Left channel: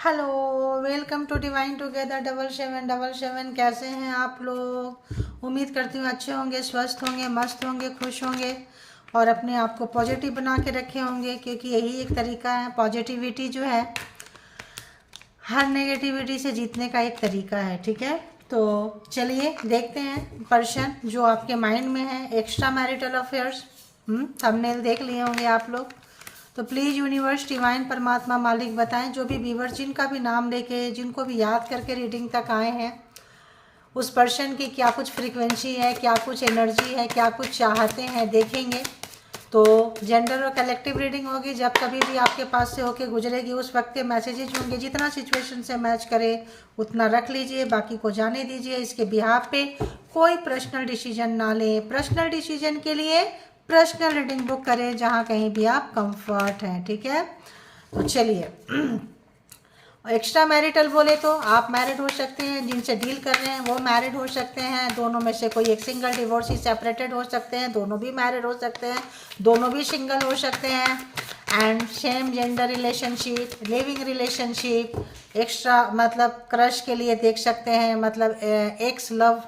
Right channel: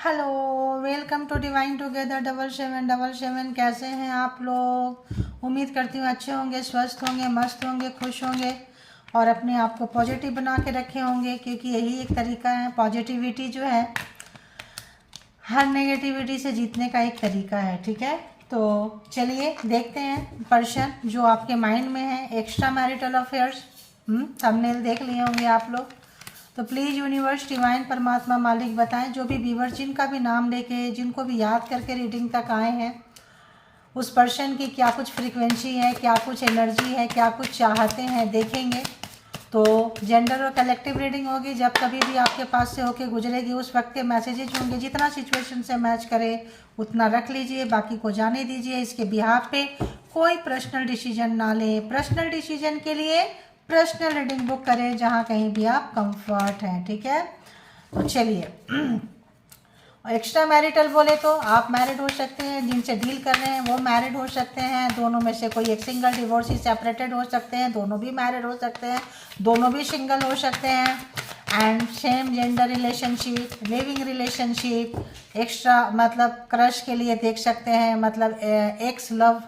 Hello, welcome to divine together 7777। कैसे हैं आप लोग? उम्मीद करती हूँ अच्छे होंगे, स्वस्थ होंगे, मस्त होंगे, खुश होंगे और अपने आप को पॉजिटिव बना के रखे होंगे, क्योंकि यही एक तरीका है। पॉजिटिविटी जो है हर नेगेटिविटी से जीतने का एक तरीका है। ठीक है, तो चलिए देखते हैं पर्सन जो आपके माइंड में है। एक्स्ट्रा मैरिटल अफेयर्स थंबनेल देख लिए होंगे आप लोग। तो प्लीज़ यूनिवर्स, डिवाइन, परमात्मा, मालिक बताएं, जो भी व्यूवर जिनका भी नाम लेके, जिनको भी याद करके रीडिंग तक आए हैं, उस पर्सन की क्या कुछ फ्रीक्वेंसी है, क्या कुछ एनर्जी है, क्या कुछ चाहते हैं, देखेंगे। तो जेंडर और कलेक्टिव रीडिंग होगी। जब कभी भी आपके पास से होके गुजरेगी उस वक्त के मैसेजेज होंगे। जितना सिचुएशन से मैच करे उतना रख लीजिए, बाकी को जाने दीजिए। इसके बिहाफ पे कोई पर्सनल डिसीजन ना लें। पर्सनल डिसीजन के लिए पर्सनल रीडिंग बुक करें जहाँ कहीं भी आप कंफर्ट हैं। ठीक है, तो चलिए। एक्स्ट्रा मैरिटल बोले तो आप मैरिड हो सकते हैं, जिनसे डील कर रहे हैं वो मैरिड हो सकते हैं, दोनों में से कोई एक सिंगल, डिवोर्सी, सेपरेटेड हो सकते हैं, दोनों भी मैरिड हो सकते हैं, दोनों भी सिंगल हो सकते हैं। And same gender relationship, living relationship, extra मतलब क्रश के लिए देख सकते हैं, मतलब एक्स लव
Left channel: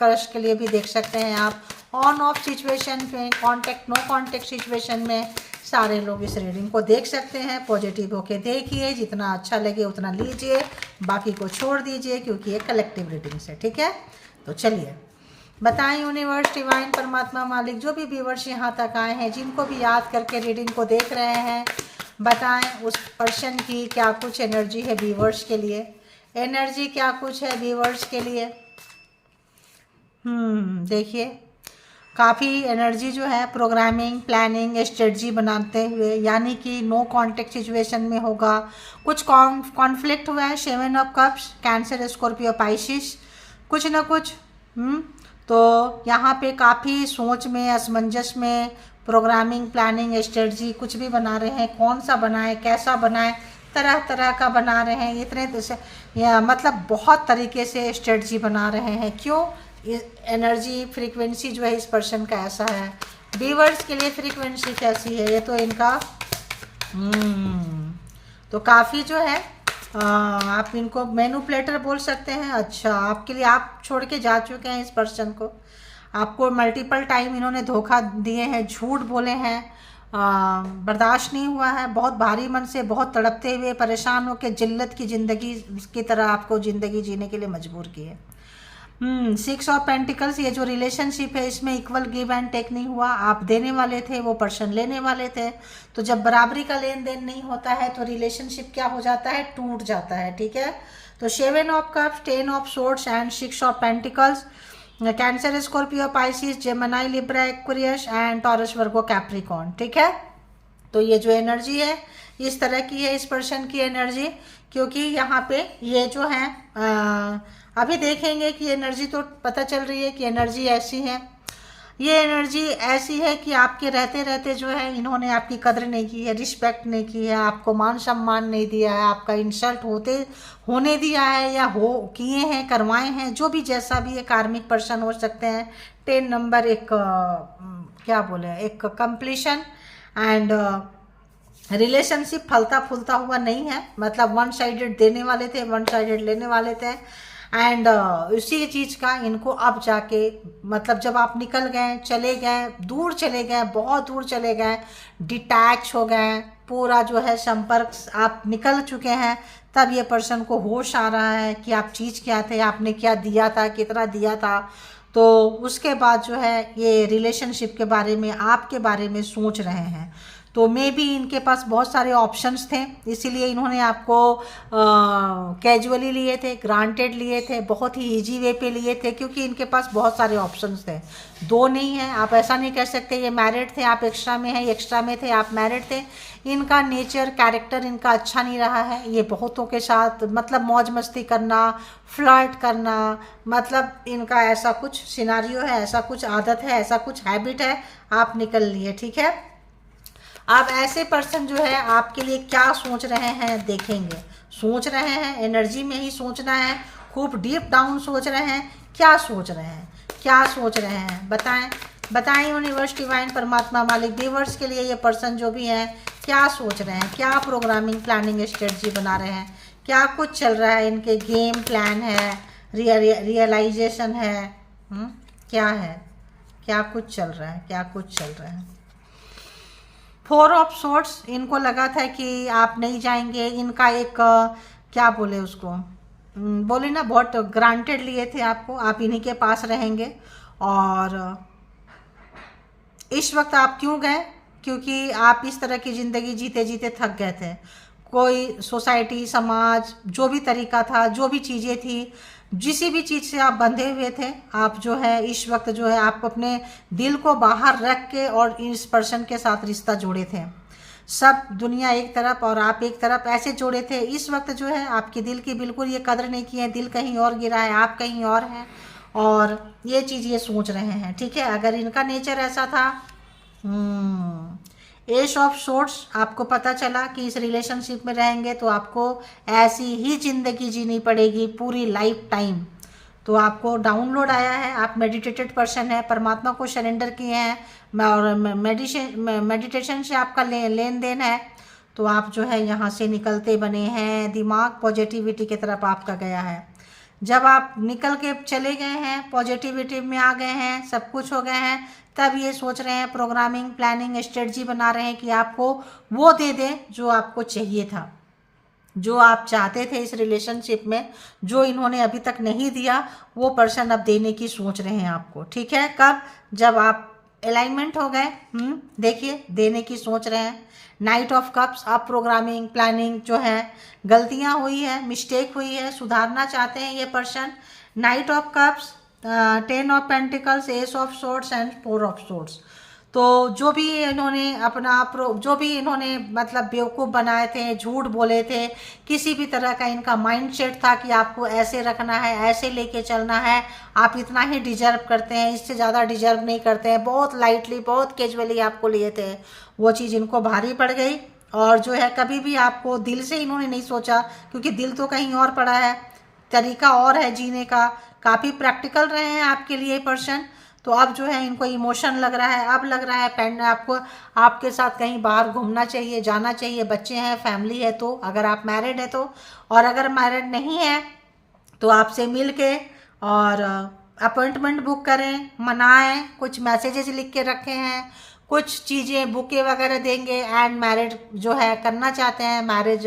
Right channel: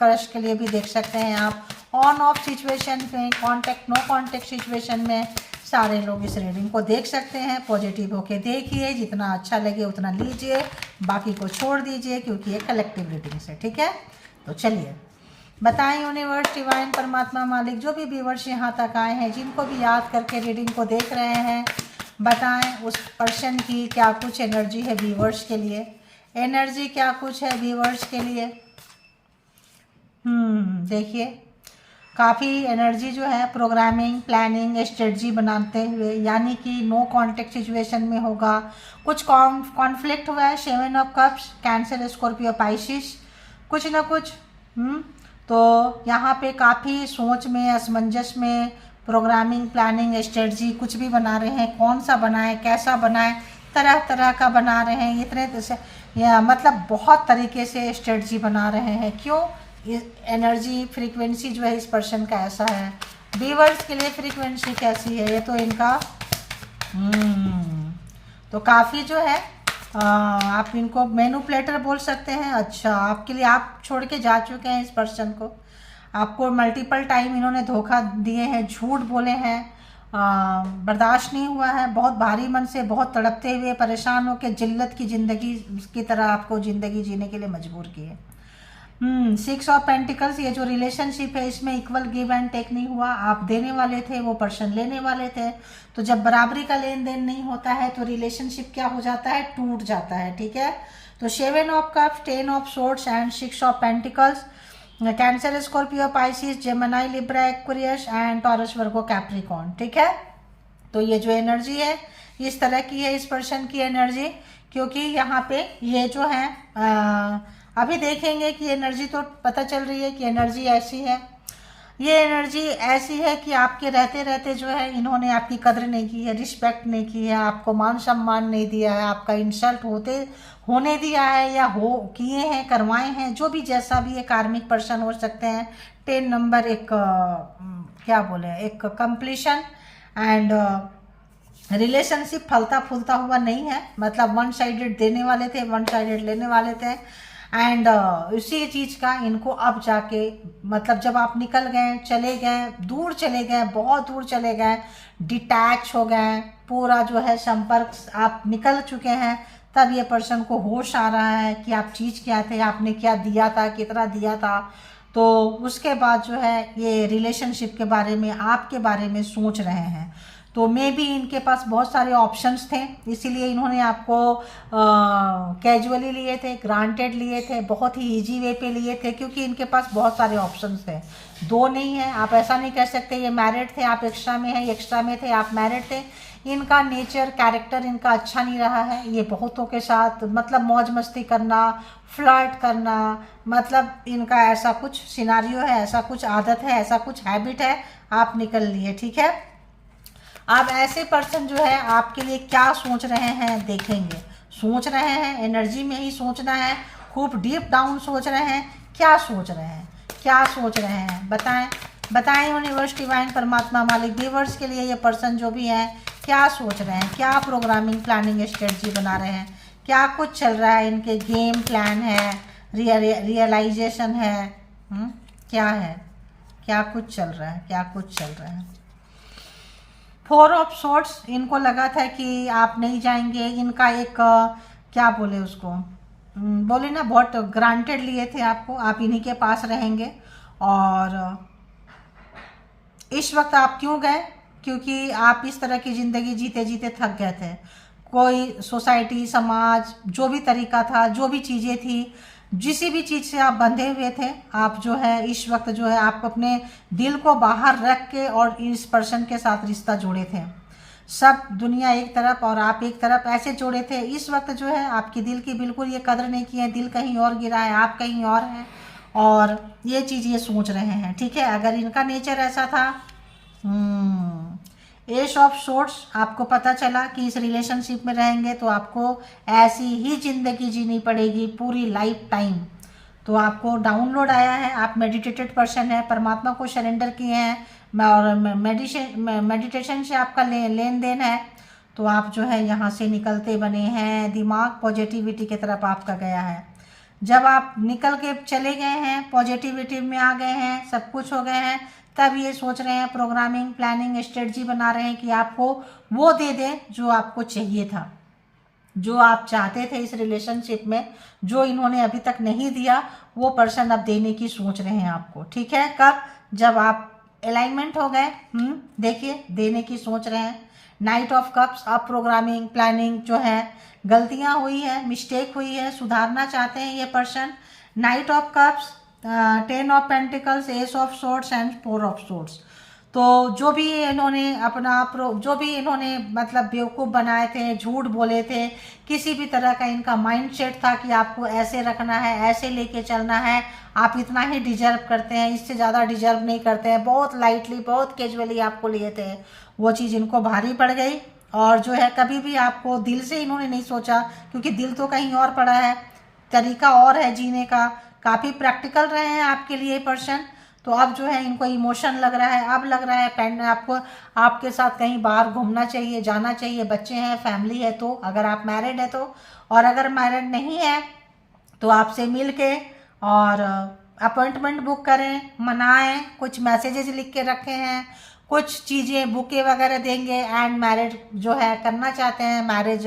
क्रश के लिए भी देख सकते हैं आप। ऑन ऑफ सिचुएशन में, कॉन्टेक्ट, नो कॉन्टेक्ट सिचुएशन में सारे लोग इस रीडिंग को देख सकते हैं। पॉजिटिव होके देखिए, जितना अच्छा लगे उतना लीजिए, बाकी को छोड़ दीजिए, क्योंकि ये कलेक्टिव रीडिंग है। ठीक है, तो चलिए बताएं यूनिवर्स, डिवाइन, परमात्मा, मालिक, जो भी व्यूवर्स यहाँ तक आए हैं, जिनको भी याद करके रीडिंग को देख रहे हैं, बताएं उस पर्सन की क्या कुछ एनर्जी है व्यूवर्स के लिए। एनर्जी क्या कुछ है व्यूवर्स के लिए। देखिए, काफ़ी एनर्जी जो है प्रोग्रामिंग, प्लानिंग, स्ट्रेटजी बनाते हुए, यानी कि नो कॉन्टेक्ट सिचुएशन में होगा। कुछ कॉन्फ्लिक्ट हुआ है। 7 of cups, cancer, Scorpio, Pisces, कुछ ना कुछ। तो यहाँ पे काफ़ी सोच में, असमंजस में, प्रोग्रामिंग, प्लानिंग, स्ट्रेटजी कुछ भी बना रहे हैं। कौन सा बनाए, कैसा बनाए, तरह तरह का बना रहे हैं। या मतलब बहुत तरीके से स्ट्रेटजी बना रहे हैं। क्यों? एनर्जी फ्रीक्वेंसी जो है इस पर्सन का ऐसा है। व्यूअर्स के लिए फ्रीक्वेंसी कैसी है ये तो इनका तो काफ़ी जो है आप इनको मैनिपुलेटर बोल सकते हैं। अच्छा, आपके लिए आप छोड़ के जा चुके हैं इस पर्सन को। आपको मल्टीपल टाइम इन्होंने धोखा दिए हैं, झूठ बोले हैं, बर्दाश्त नहीं हुआ है। बहुत भारी मन से, बहुत तड़पते हुए, परेशान होकर जिल्लत की ज़िंदगी की तरह आपको ज़िंदगी जीने के लिए मजबूर किए। 6 ऑफ पेंटिकल्स, ये जो रिलेशनशिप है इसमें इक्वल गिव एंड टेक नहीं हुआ। आप देने वाले थे, वो पर्सन लेने वाले थे। तो जब बराबरी का लेन देन नहीं होता है तो रिलेशनशिप क्या हो जाता है? टूट जाता है। ठीक है, तो 7 of cups, 10 of swords and 6 of pentacles, cancer, Scorpio, Pisces, Gemini, Libra, Aquarius and taurus, Virgo, Capricorn. ठीक है, तो ये जो एनर्जी है इस तरह की है इस पर्सन की एनर्जी। क्योंकि यहाँ पे ये जो है अभी देखेंगे कि एनर्जी तो पता चल रही है कि एनर्जी ऐसी है। ये एनर्जी ऐसी है कि आपके रहते रहते जो है इन्होंने आपकी कदर नहीं की है, रिस्पेक्ट नहीं की है, आपको मान सम्मान नहीं दिया है, आपका इंसल्ट होने दिया है या हो किए हैं, करवाए हैं, जो भी जैसा भी ये कार्मिक पर्सन हो सकते हैं। 10 नंबर एक क्या बोले, एक कंप्लीशन एंड रिलेशनशिप फलता फूलता हुआ नहीं है। मतलब वन साइडेड देने वाले थे, वन साइडेड लेने वाले थे। एंड उसी चीज़ का इनको अब जाके, मतलब जब आप निकल गए, चले गए, दूर चले गए, बहुत दूर चले गए, डिटैच हो गए, पूरा जो है संपर्क आप निकल चुके हैं, तब ये पर्सन को होश आ रहा है कि आप चीज़ क्या थे, आपने क्या दिया था, कितना दिया था। तो उसके बाद जो है ये रिलेशनशिप के बारे में, आपके बारे में सोच रहे हैं। तो मे भी इनके पास बहुत सारे ऑप्शंस थे, इसीलिए इन्होंने आपको कैजुअली लिए थे, ग्रांटेड लिए थे, बहुत ही इजी वे पे लिए थे, क्योंकि इनके पास बहुत सारे ऑप्शंस थे। दो नहीं है, आप ऐसा नहीं कह सकते ये मैरिड थे, आप एक्स्ट्रा में हैं, एक्स्ट्रा में थे, आप मैरिड थे। इनका नेचर, कैरेक्टर इनका अच्छा नहीं रहा है। ये बहुतों के साथ मतलब मौज मस्ती करना, फ्लर्ट करना, मतलब इनका ऐसा कुछ सिनारियो है, ऐसा कुछ आदत है, ऐसा कुछ हैबिट है। आप निकल लिए। ठीक है, आप ऐसे पर्सन जो है आपके लिए क्या सोच रहे हैं देखेंगे। सोच रहे हैं, एनर्जी में ही सोचना है, खूब डीप डाउन सोच रहे हैं। क्या सोच रहे हैं, क्या सोच रहे हैं, बताएं, बताएं यूनिवर्स, डिवाइन, परमात्मा, मालिक, व्यूअर्स के लिए ये पर्सन जो भी है क्या सोच रहे हैं, क्या प्रोग्रामिंग, प्लानिंग, स्ट्रेटजी बना रहे हैं, क्या कुछ चल रहा है, इनके गेम प्लान है, रियलाइजेशन है, क्या है, क्या कुछ चल रहा है, क्या कुछ चल रहा है। 4 ऑफ सोर्ट्स, इनको लगा था कि आप नहीं जाएंगे, इनका एक क्या बोले उसको, बोले ना, बहुत ग्रांटेड लिए थे आपको, आप इन्हीं के पास रहेंगे। और इस वक्त आप क्यों गए, क्योंकि आप इस तरह की ज़िंदगी जीते जीते थक गए थे। कोई सोसाइटी, समाज, जो भी तरीका था, जो भी चीज़ें थी, जिसी भी चीज़ से आप बंधे हुए थे, आप जो है इस वक्त जो है आप अपने दिल को बाहर रख के और इस पर्सन के साथ रिश्ता जोड़े थे। सब दुनिया एक तरफ और आप एक तरफ ऐसे जोड़े थे। इस वक्त जो है आपके दिल की बिल्कुल ये कदर नहीं की है, दिल कहीं और गिरा है, आप कहीं और हैं, और ये चीज़ ये सोच रहे हैं। ठीक है, अगर इनका नेचर ऐसा था, एस ऑफ सोर्ट्स, आपको पता चला कि इस रिलेशनशिप में रहेंगे तो आपको ऐसी ही ज़िंदगी जीनी पड़ेगी पूरी लाइफ टाइम। तो आपको डाउनलोड आया है, आप मेडिटेटेड पर्सन है, परमात्मा को सरेंडर किए हैं, और मेडिटेशन से आपका लेन देन है। तो आप जो है यहाँ से निकलते बने हैं, दिमाग पॉजिटिविटी की तरफ आपका गया है। जब आप निकल के चले गए हैं, पॉजिटिविटी में आ गए हैं, सब कुछ हो गए हैं, तब ये सोच रहे हैं, प्रोग्रामिंग, प्लानिंग, स्ट्रेटजी बना रहे हैं कि आपको वो दे दें जो आपको चाहिए था, जो आप चाहते थे इस रिलेशनशिप में, जो इन्होंने अभी तक नहीं दिया, वो पर्सन अब देने की सोच रहे हैं आपको। ठीक है, कब, जब आप अलाइनमेंट हो गए, देखिए देने की सोच रहे हैं। नाइट ऑफ कप्स, आप प्रोग्रामिंग, प्लानिंग जो है, गलतियां हुई है, मिस्टेक हुई है, सुधारना चाहते हैं ये person. Night of cups, 10 of pentacles, S of sorts and 4 of sorts. तो जो भी इन्होंने जो भी इन्होंने मतलब बेवकूफ़ बनाए थे, झूठ बोले थे, किसी भी तरह का इनका माइंडसेट था कि आपको ऐसे रखना है, ऐसे लेके चलना है, आप इतना ही डिजर्व करते हैं, इससे ज़्यादा डिजर्व नहीं करते हैं, बहुत लाइटली, बहुत कैजुअली आपको लिए थे, वो चीज़ इनको भारी पड़ गई। और जो है कभी भी आपको दिल से इन्होंने नहीं सोचा, क्योंकि दिल तो कहीं और पड़ा है, तरीका और है जीने का। काफ़ी प्रैक्टिकल रहे हैं आपके लिए पर्सन। तो अब जो है इनको इमोशन लग रहा है, अब लग रहा है पेन आपको, आपके साथ कहीं बाहर घूमना चाहिए, जाना चाहिए, बच्चे हैं, फैमिली है, तो अगर आप मैरिड है तो, और अगर मैरिड नहीं है तो आपसे मिल के और अपॉइंटमेंट बुक करें, मनाएं, कुछ मैसेजेस लिख के रखे हैं, कुछ चीज़ें बुके वगैरह देंगे, एंड मैरिज जो है करना चाहते हैं, मैरिज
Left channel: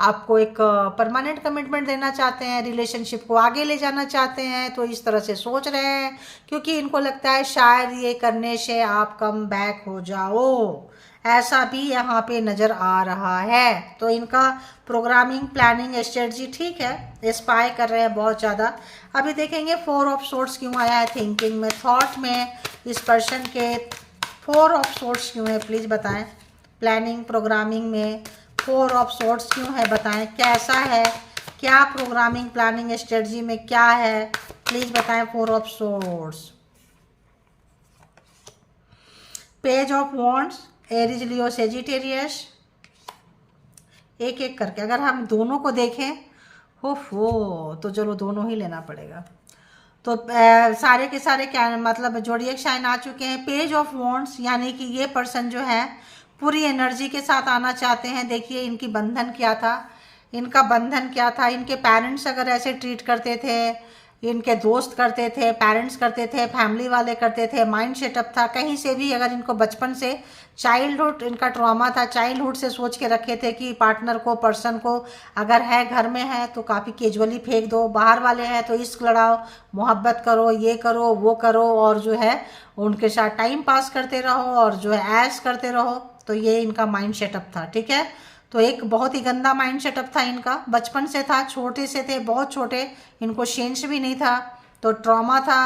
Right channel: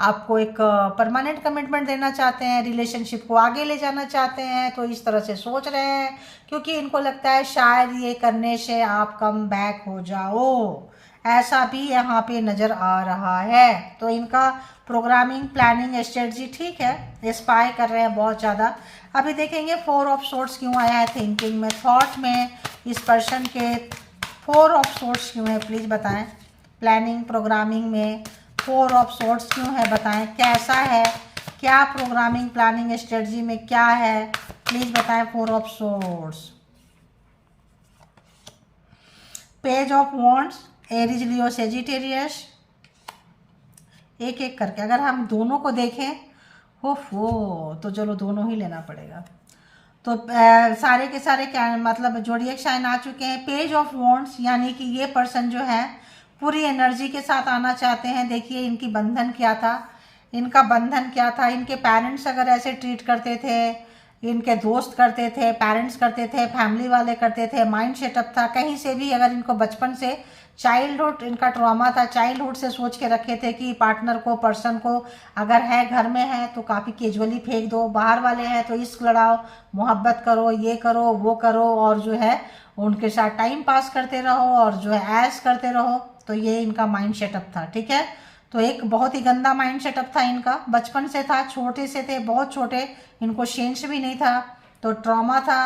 आपको एक परमानेंट कमिटमेंट देना चाहते हैं, रिलेशनशिप को आगे ले जाना चाहते हैं, तो इस तरह से सोच रहे हैं, क्योंकि इनको लगता है शायद ये करने से आप कम बैक हो जाओ, ऐसा भी यहाँ पे नज़र आ रहा है। तो इनका प्रोग्रामिंग, प्लानिंग, स्ट्रेटजी ठीक है, स्पाई कर रहे हैं बहुत ज़्यादा। अभी देखेंगे 4 ऑफ सोर्ट्स क्यों आया है थिंकिंग में, थॉट में, इस पर्सन के 4 ऑफ सोर्ट्स क्यों है, प्लीज़ बताएं। प्लानिंग, प्रोग्रामिंग में 4 ऑफ सोर्ट्स क्यों है, बताएं कैसा है, क्या प्रोग्रामिंग, प्लानिंग, स्ट्रेटजी में क्या है, प्लीज़ बताएं। 4 of sorts, page of wands, Aries, Leo, Sagittarius, एक एक करके अगर हम दोनों को देखें, हो तो चलो दोनों ही लेना पड़ेगा। तो सारे के सारे क्या मतलब जोडिएक साइन आ चुके हैं। पेज ऑफ वॉन्ड्स, यानी कि ये पर्सन जो है पूरी एनर्जी के साथ आना चाहते हैं। देखिए इनकी बंधन क्या था, इनका बंधन क्या था, इनके पेरेंट्स अगर ऐसे ट्रीट करते थे, इनके दोस्त करते थे, पेरेंट्स करते थे, फैमिली वाले करते थे, माइंड सेटअप था, कहीं से भी अगर इनको बचपन से चाइल्डहुड इनका ट्रॉमा था, चाइल्डहुड से सोच के रखे थे कि पार्टनर को, पर्सन को, अगर है घर में है तो काफ़ी कैजुअली फेंक दो, बाहर वाले हैं तो इश्क लड़ाओ, मोहब्बत करो, ये करो, वो करो, और जो है उनके साथ टाइम पास करते रहो, और जो है ऐश करते रहो। तो ये इनका माइंड सेटअप था। ठीक है, तो एक बहुत ही गंदा माइंड सेटअप था इनका, बचपन से था, छोटे से थे, बहुत छोटे, इनको सेंस भी नहीं था, तो ट्रॉमा था,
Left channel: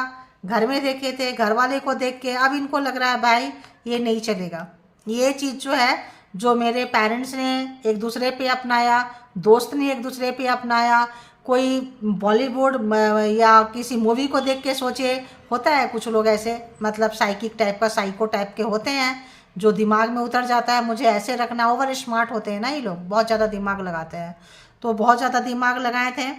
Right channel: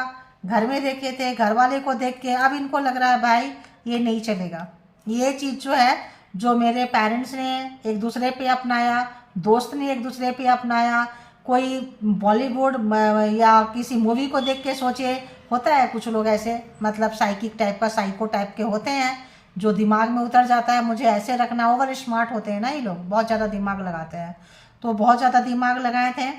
घर में देखे थे, घर वाले को देख के अब इनको लग रहा है भाई ये नहीं चलेगा, ये चीज़ जो है, जो मेरे पेरेंट्स ने एक दूसरे पे अपनाया, दोस्त ने एक दूसरे पे अपनाया, कोई बॉलीवुड या किसी मूवी को देख के सोचे, होता है कुछ लोग ऐसे, मतलब साइकिक टाइप का, साइको टाइप के होते हैं, जो दिमाग में उतर जाता है मुझे ऐसे रखना, ओवर स्मार्ट होते हैं ना ये लोग, बहुत ज़्यादा दिमाग लगाते हैं। तो बहुत ज़्यादा दिमाग लगाए थे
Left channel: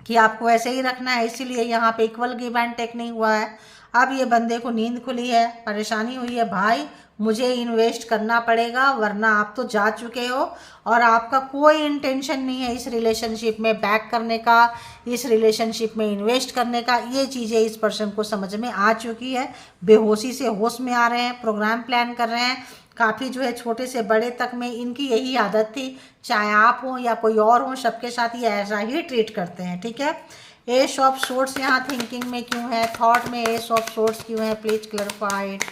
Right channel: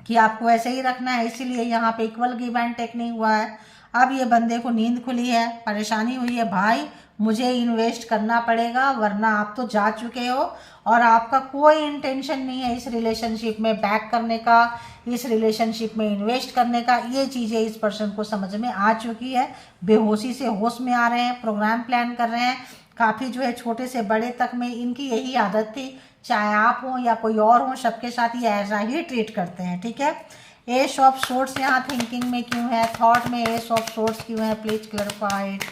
कि आपको ऐसे ही रखना है, इसीलिए यहाँ पे इक्वल गिव एंड टेक नहीं हुआ है। अब ये बंदे को नींद खुली है, परेशानी हुई है, भाई मुझे इन्वेस्ट करना पड़ेगा, वरना आप तो जा चुके हो और आपका कोई इंटेंशन नहीं है इस रिलेशनशिप में बैक करने का, इस रिलेशनशिप में इन्वेस्ट करने का। ये चीज़ें इस पर्सन को समझ में आ चुकी है, बेहोशी से होश में आ रहे हैं, प्रोग्राम प्लान कर रहे हैं। काफ़ी जो है छोटे से बड़े तक में इनकी यही आदत थी, चाहे आप हो या कोई और हो, सबके साथ ये ऐसा ही ट्रीट करते हैं, ठीक है। एस ऑफ सोर्ड्स यहाँ थिंकिंग में क्यों है, थॉट में एस ऑफ सोर्ड्स क्यों है, please clarified.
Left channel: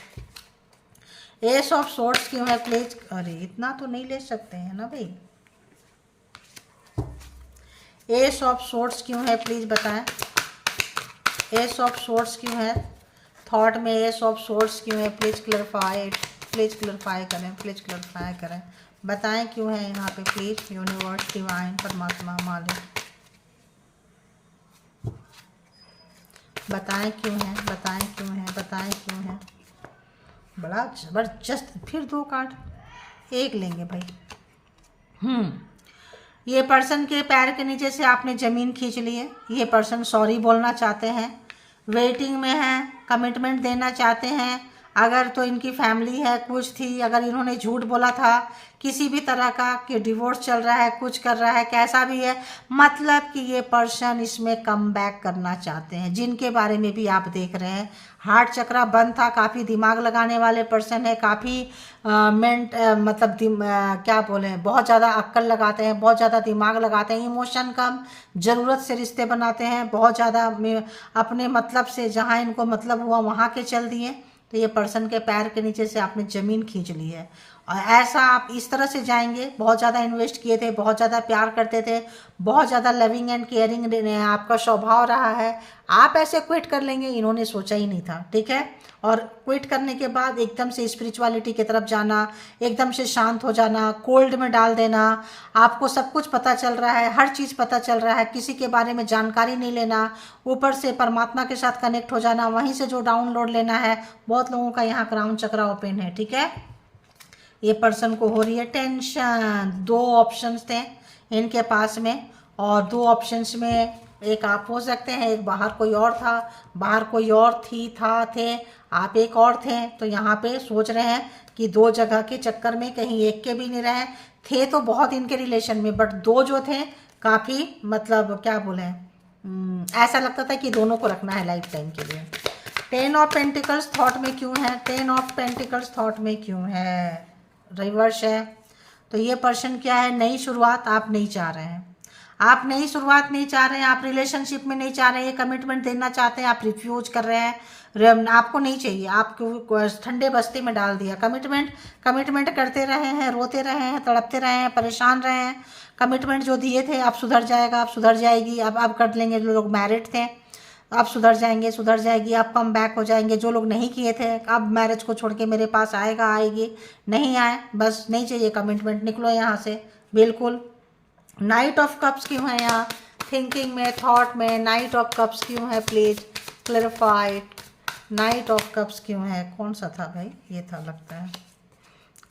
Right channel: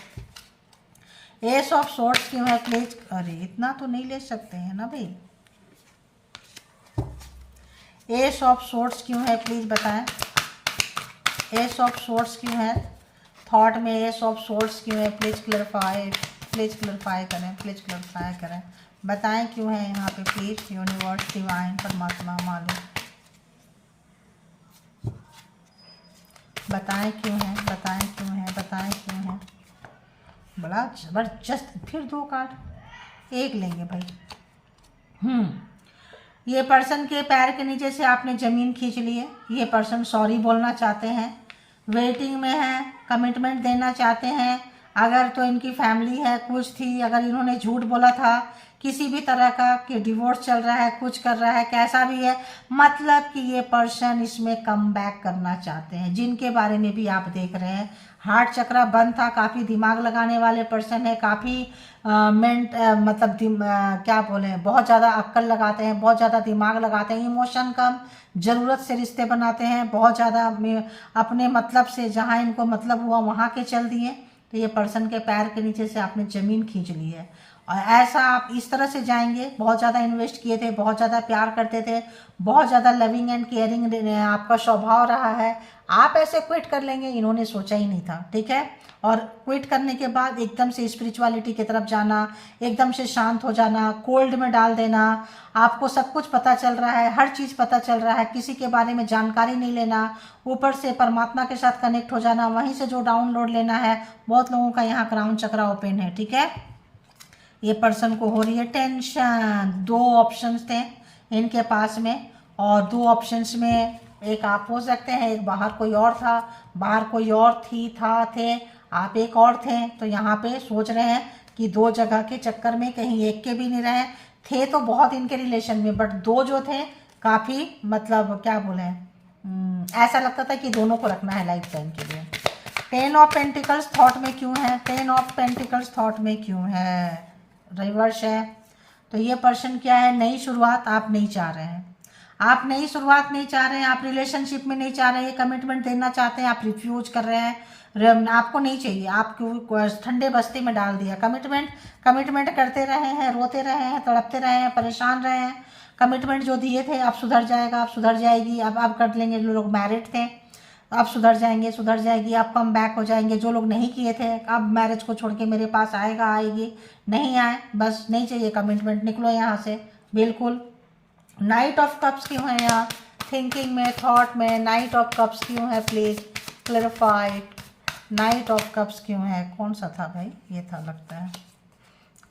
S of swords क्यों है प्लीज, अरे इतना तो नहीं ले सकते हैं ना भाई। एस ऑफ सोर्ड्स क्यों है प्लीज बताएं, एस ऑफ सोर्ड्स क्यों है, थॉट में एस ऑफ सोर्ड्स क्यों है, प्लीज क्लैरिफाइड, प्लीज क्लैरिफाई करें, प्लीज क्लैरिफाई करें, बताएं क्यों है यहाँ पे प्लीज। यूनिवर्स, डिवाइन, परमात्मा, मालिक, बताएं क्यों है, बताएं क्यों है, बताएं क्यों है। बड़ा जबरदस्त, फिर 2 कार्ड एक लेंगे भाई। ये पर्सन के पैर के नीचे से आपने ज़मीन खींच ली है। ये पर्सन सॉरी बोलना चाहते हैं, वेटिंग में है, कमिटमेंट देना चाहते हैं। अगर तो इनकी फैमिली है, कुछ थी, अगर इन्होंने झूठ बोला था किसी भी तरह का कि डिवोर्स चल रहा है, कुछ कर रहा है, कैसा भी है, मतलब कि ये पर्सन इसमें कम बैक करना चाहते हैं। जिनके बारे में भी आप देख रहे हैं, हार्ट चक्रा बंद था, काफ़ी दिमाग लगाने वाले पर्सन है, काफ़ी क्या बोले, बहुत ज़्यादा अक्ल लगाते हैं, बहुत ज़्यादा दिमाग लगाते हैं, इमोशन कम, ज़रूरत से रिश्ते बनाते हैं, बहुत ज़्यादा अपने मतलब से, जहाँ इनको मतलब हुआ वहाँ के चल दिए। तो ये पर्सन के पैर के नीचे से आपने ज़मीन खींच ली है। और ऐसा आप इस तरह से जाएंगे, बहुत ज़्यादा इन्वेस्ट किए थे, बहुत ज़्यादा प्यार करते थे, बहुत ज़्यादा लविंग एंड केयरिंग आपका स्वभाव रहा है, आप ऐसे क्विट कर लेंगे इन्होंने सोचा ही नहीं था, ठीक है। और क्विट करने के बाद एकदम से स्पिरिचुअलिटी की तरफ जाना, एकदम से शांत हो जाना, कोल्ड में डाल देना, आपको सब कुछ पता चल रहा है, हर चीज़ पता चल रहा है, किसी के बारे में जानकारी नहीं लेना, ऊपर से परमात्मा के साथ कनेक्ट हो जाना, वहीं से जो डाउनलोड लेना है। बहुत लोगों का यहाँ क्राउन चक्रा ओपन है, ठीक है। ये पर्सन को हो रही है टेंशन। 2 ऑप्शंस थे इनके पास में, और 2 ऑप्शंस में एक आप हो सकते हैं, एक बाहर कोई और था, बाहर कोई और थे, आप एक और थे। तो यहाँ पे सोच रहे हैं कि 2 जगह के चक्कर में कहीं एक के भी नहीं रहे थे, तो बहुत इनके रिलेशन में, बट 2 जो थे काफ़ी, मतलब क्या बोले, ऐसा लगता था कि दोनों को रखना है लाइफ टाइम के लिए। 10 ऑफ पेंटिकल्स थॉट में क्यों है, 10 ऑफ पेंटिकल्स थॉट में क्यों है, रिवर्स है। तो ये पर्सन क्या है, नई शुरुआत आप नहीं चाह रहे हैं, आप नई शुरुआत नहीं चाह रहे हैं, आप रिलेशनशिप में नहीं चाह रहे हैं, कमिटमेंट देना चाहते हैं, आप रिफ्यूज कर रहे हैं, आपको नहीं चाहिए, आपको ठंडे बस्ते में डाल दिया। कमिटमेंट करते रहे हैं, रोते रहे हैं, तड़पते रहे हैं, परेशान रहे हैं। कमिटमेंट जो दिए थे, अब सुधर जाएगा, अब सुधर जाएगी, अब कर लेंगे। जो लोग मैरिड थे अब सुधर जाएंगे, सुधर जाएगी, अब कम बैक हो जाएंगे। जो लोग नहीं किए थे, अब मैरिज को छोड़ के मेरे पास आएगा, आएगी, नहीं आए, बस नहीं चाहिए कमिटमेंट, निकलो यहाँ से बिल्कुल। नाइट ऑफ कप्स क्यों है यहाँ थिंकिंग में, थॉट में, नाइट ऑफ कप्स क्यों है please clarified. Night of cups क्यों है, कौन सा था भाई, ये था लगता है।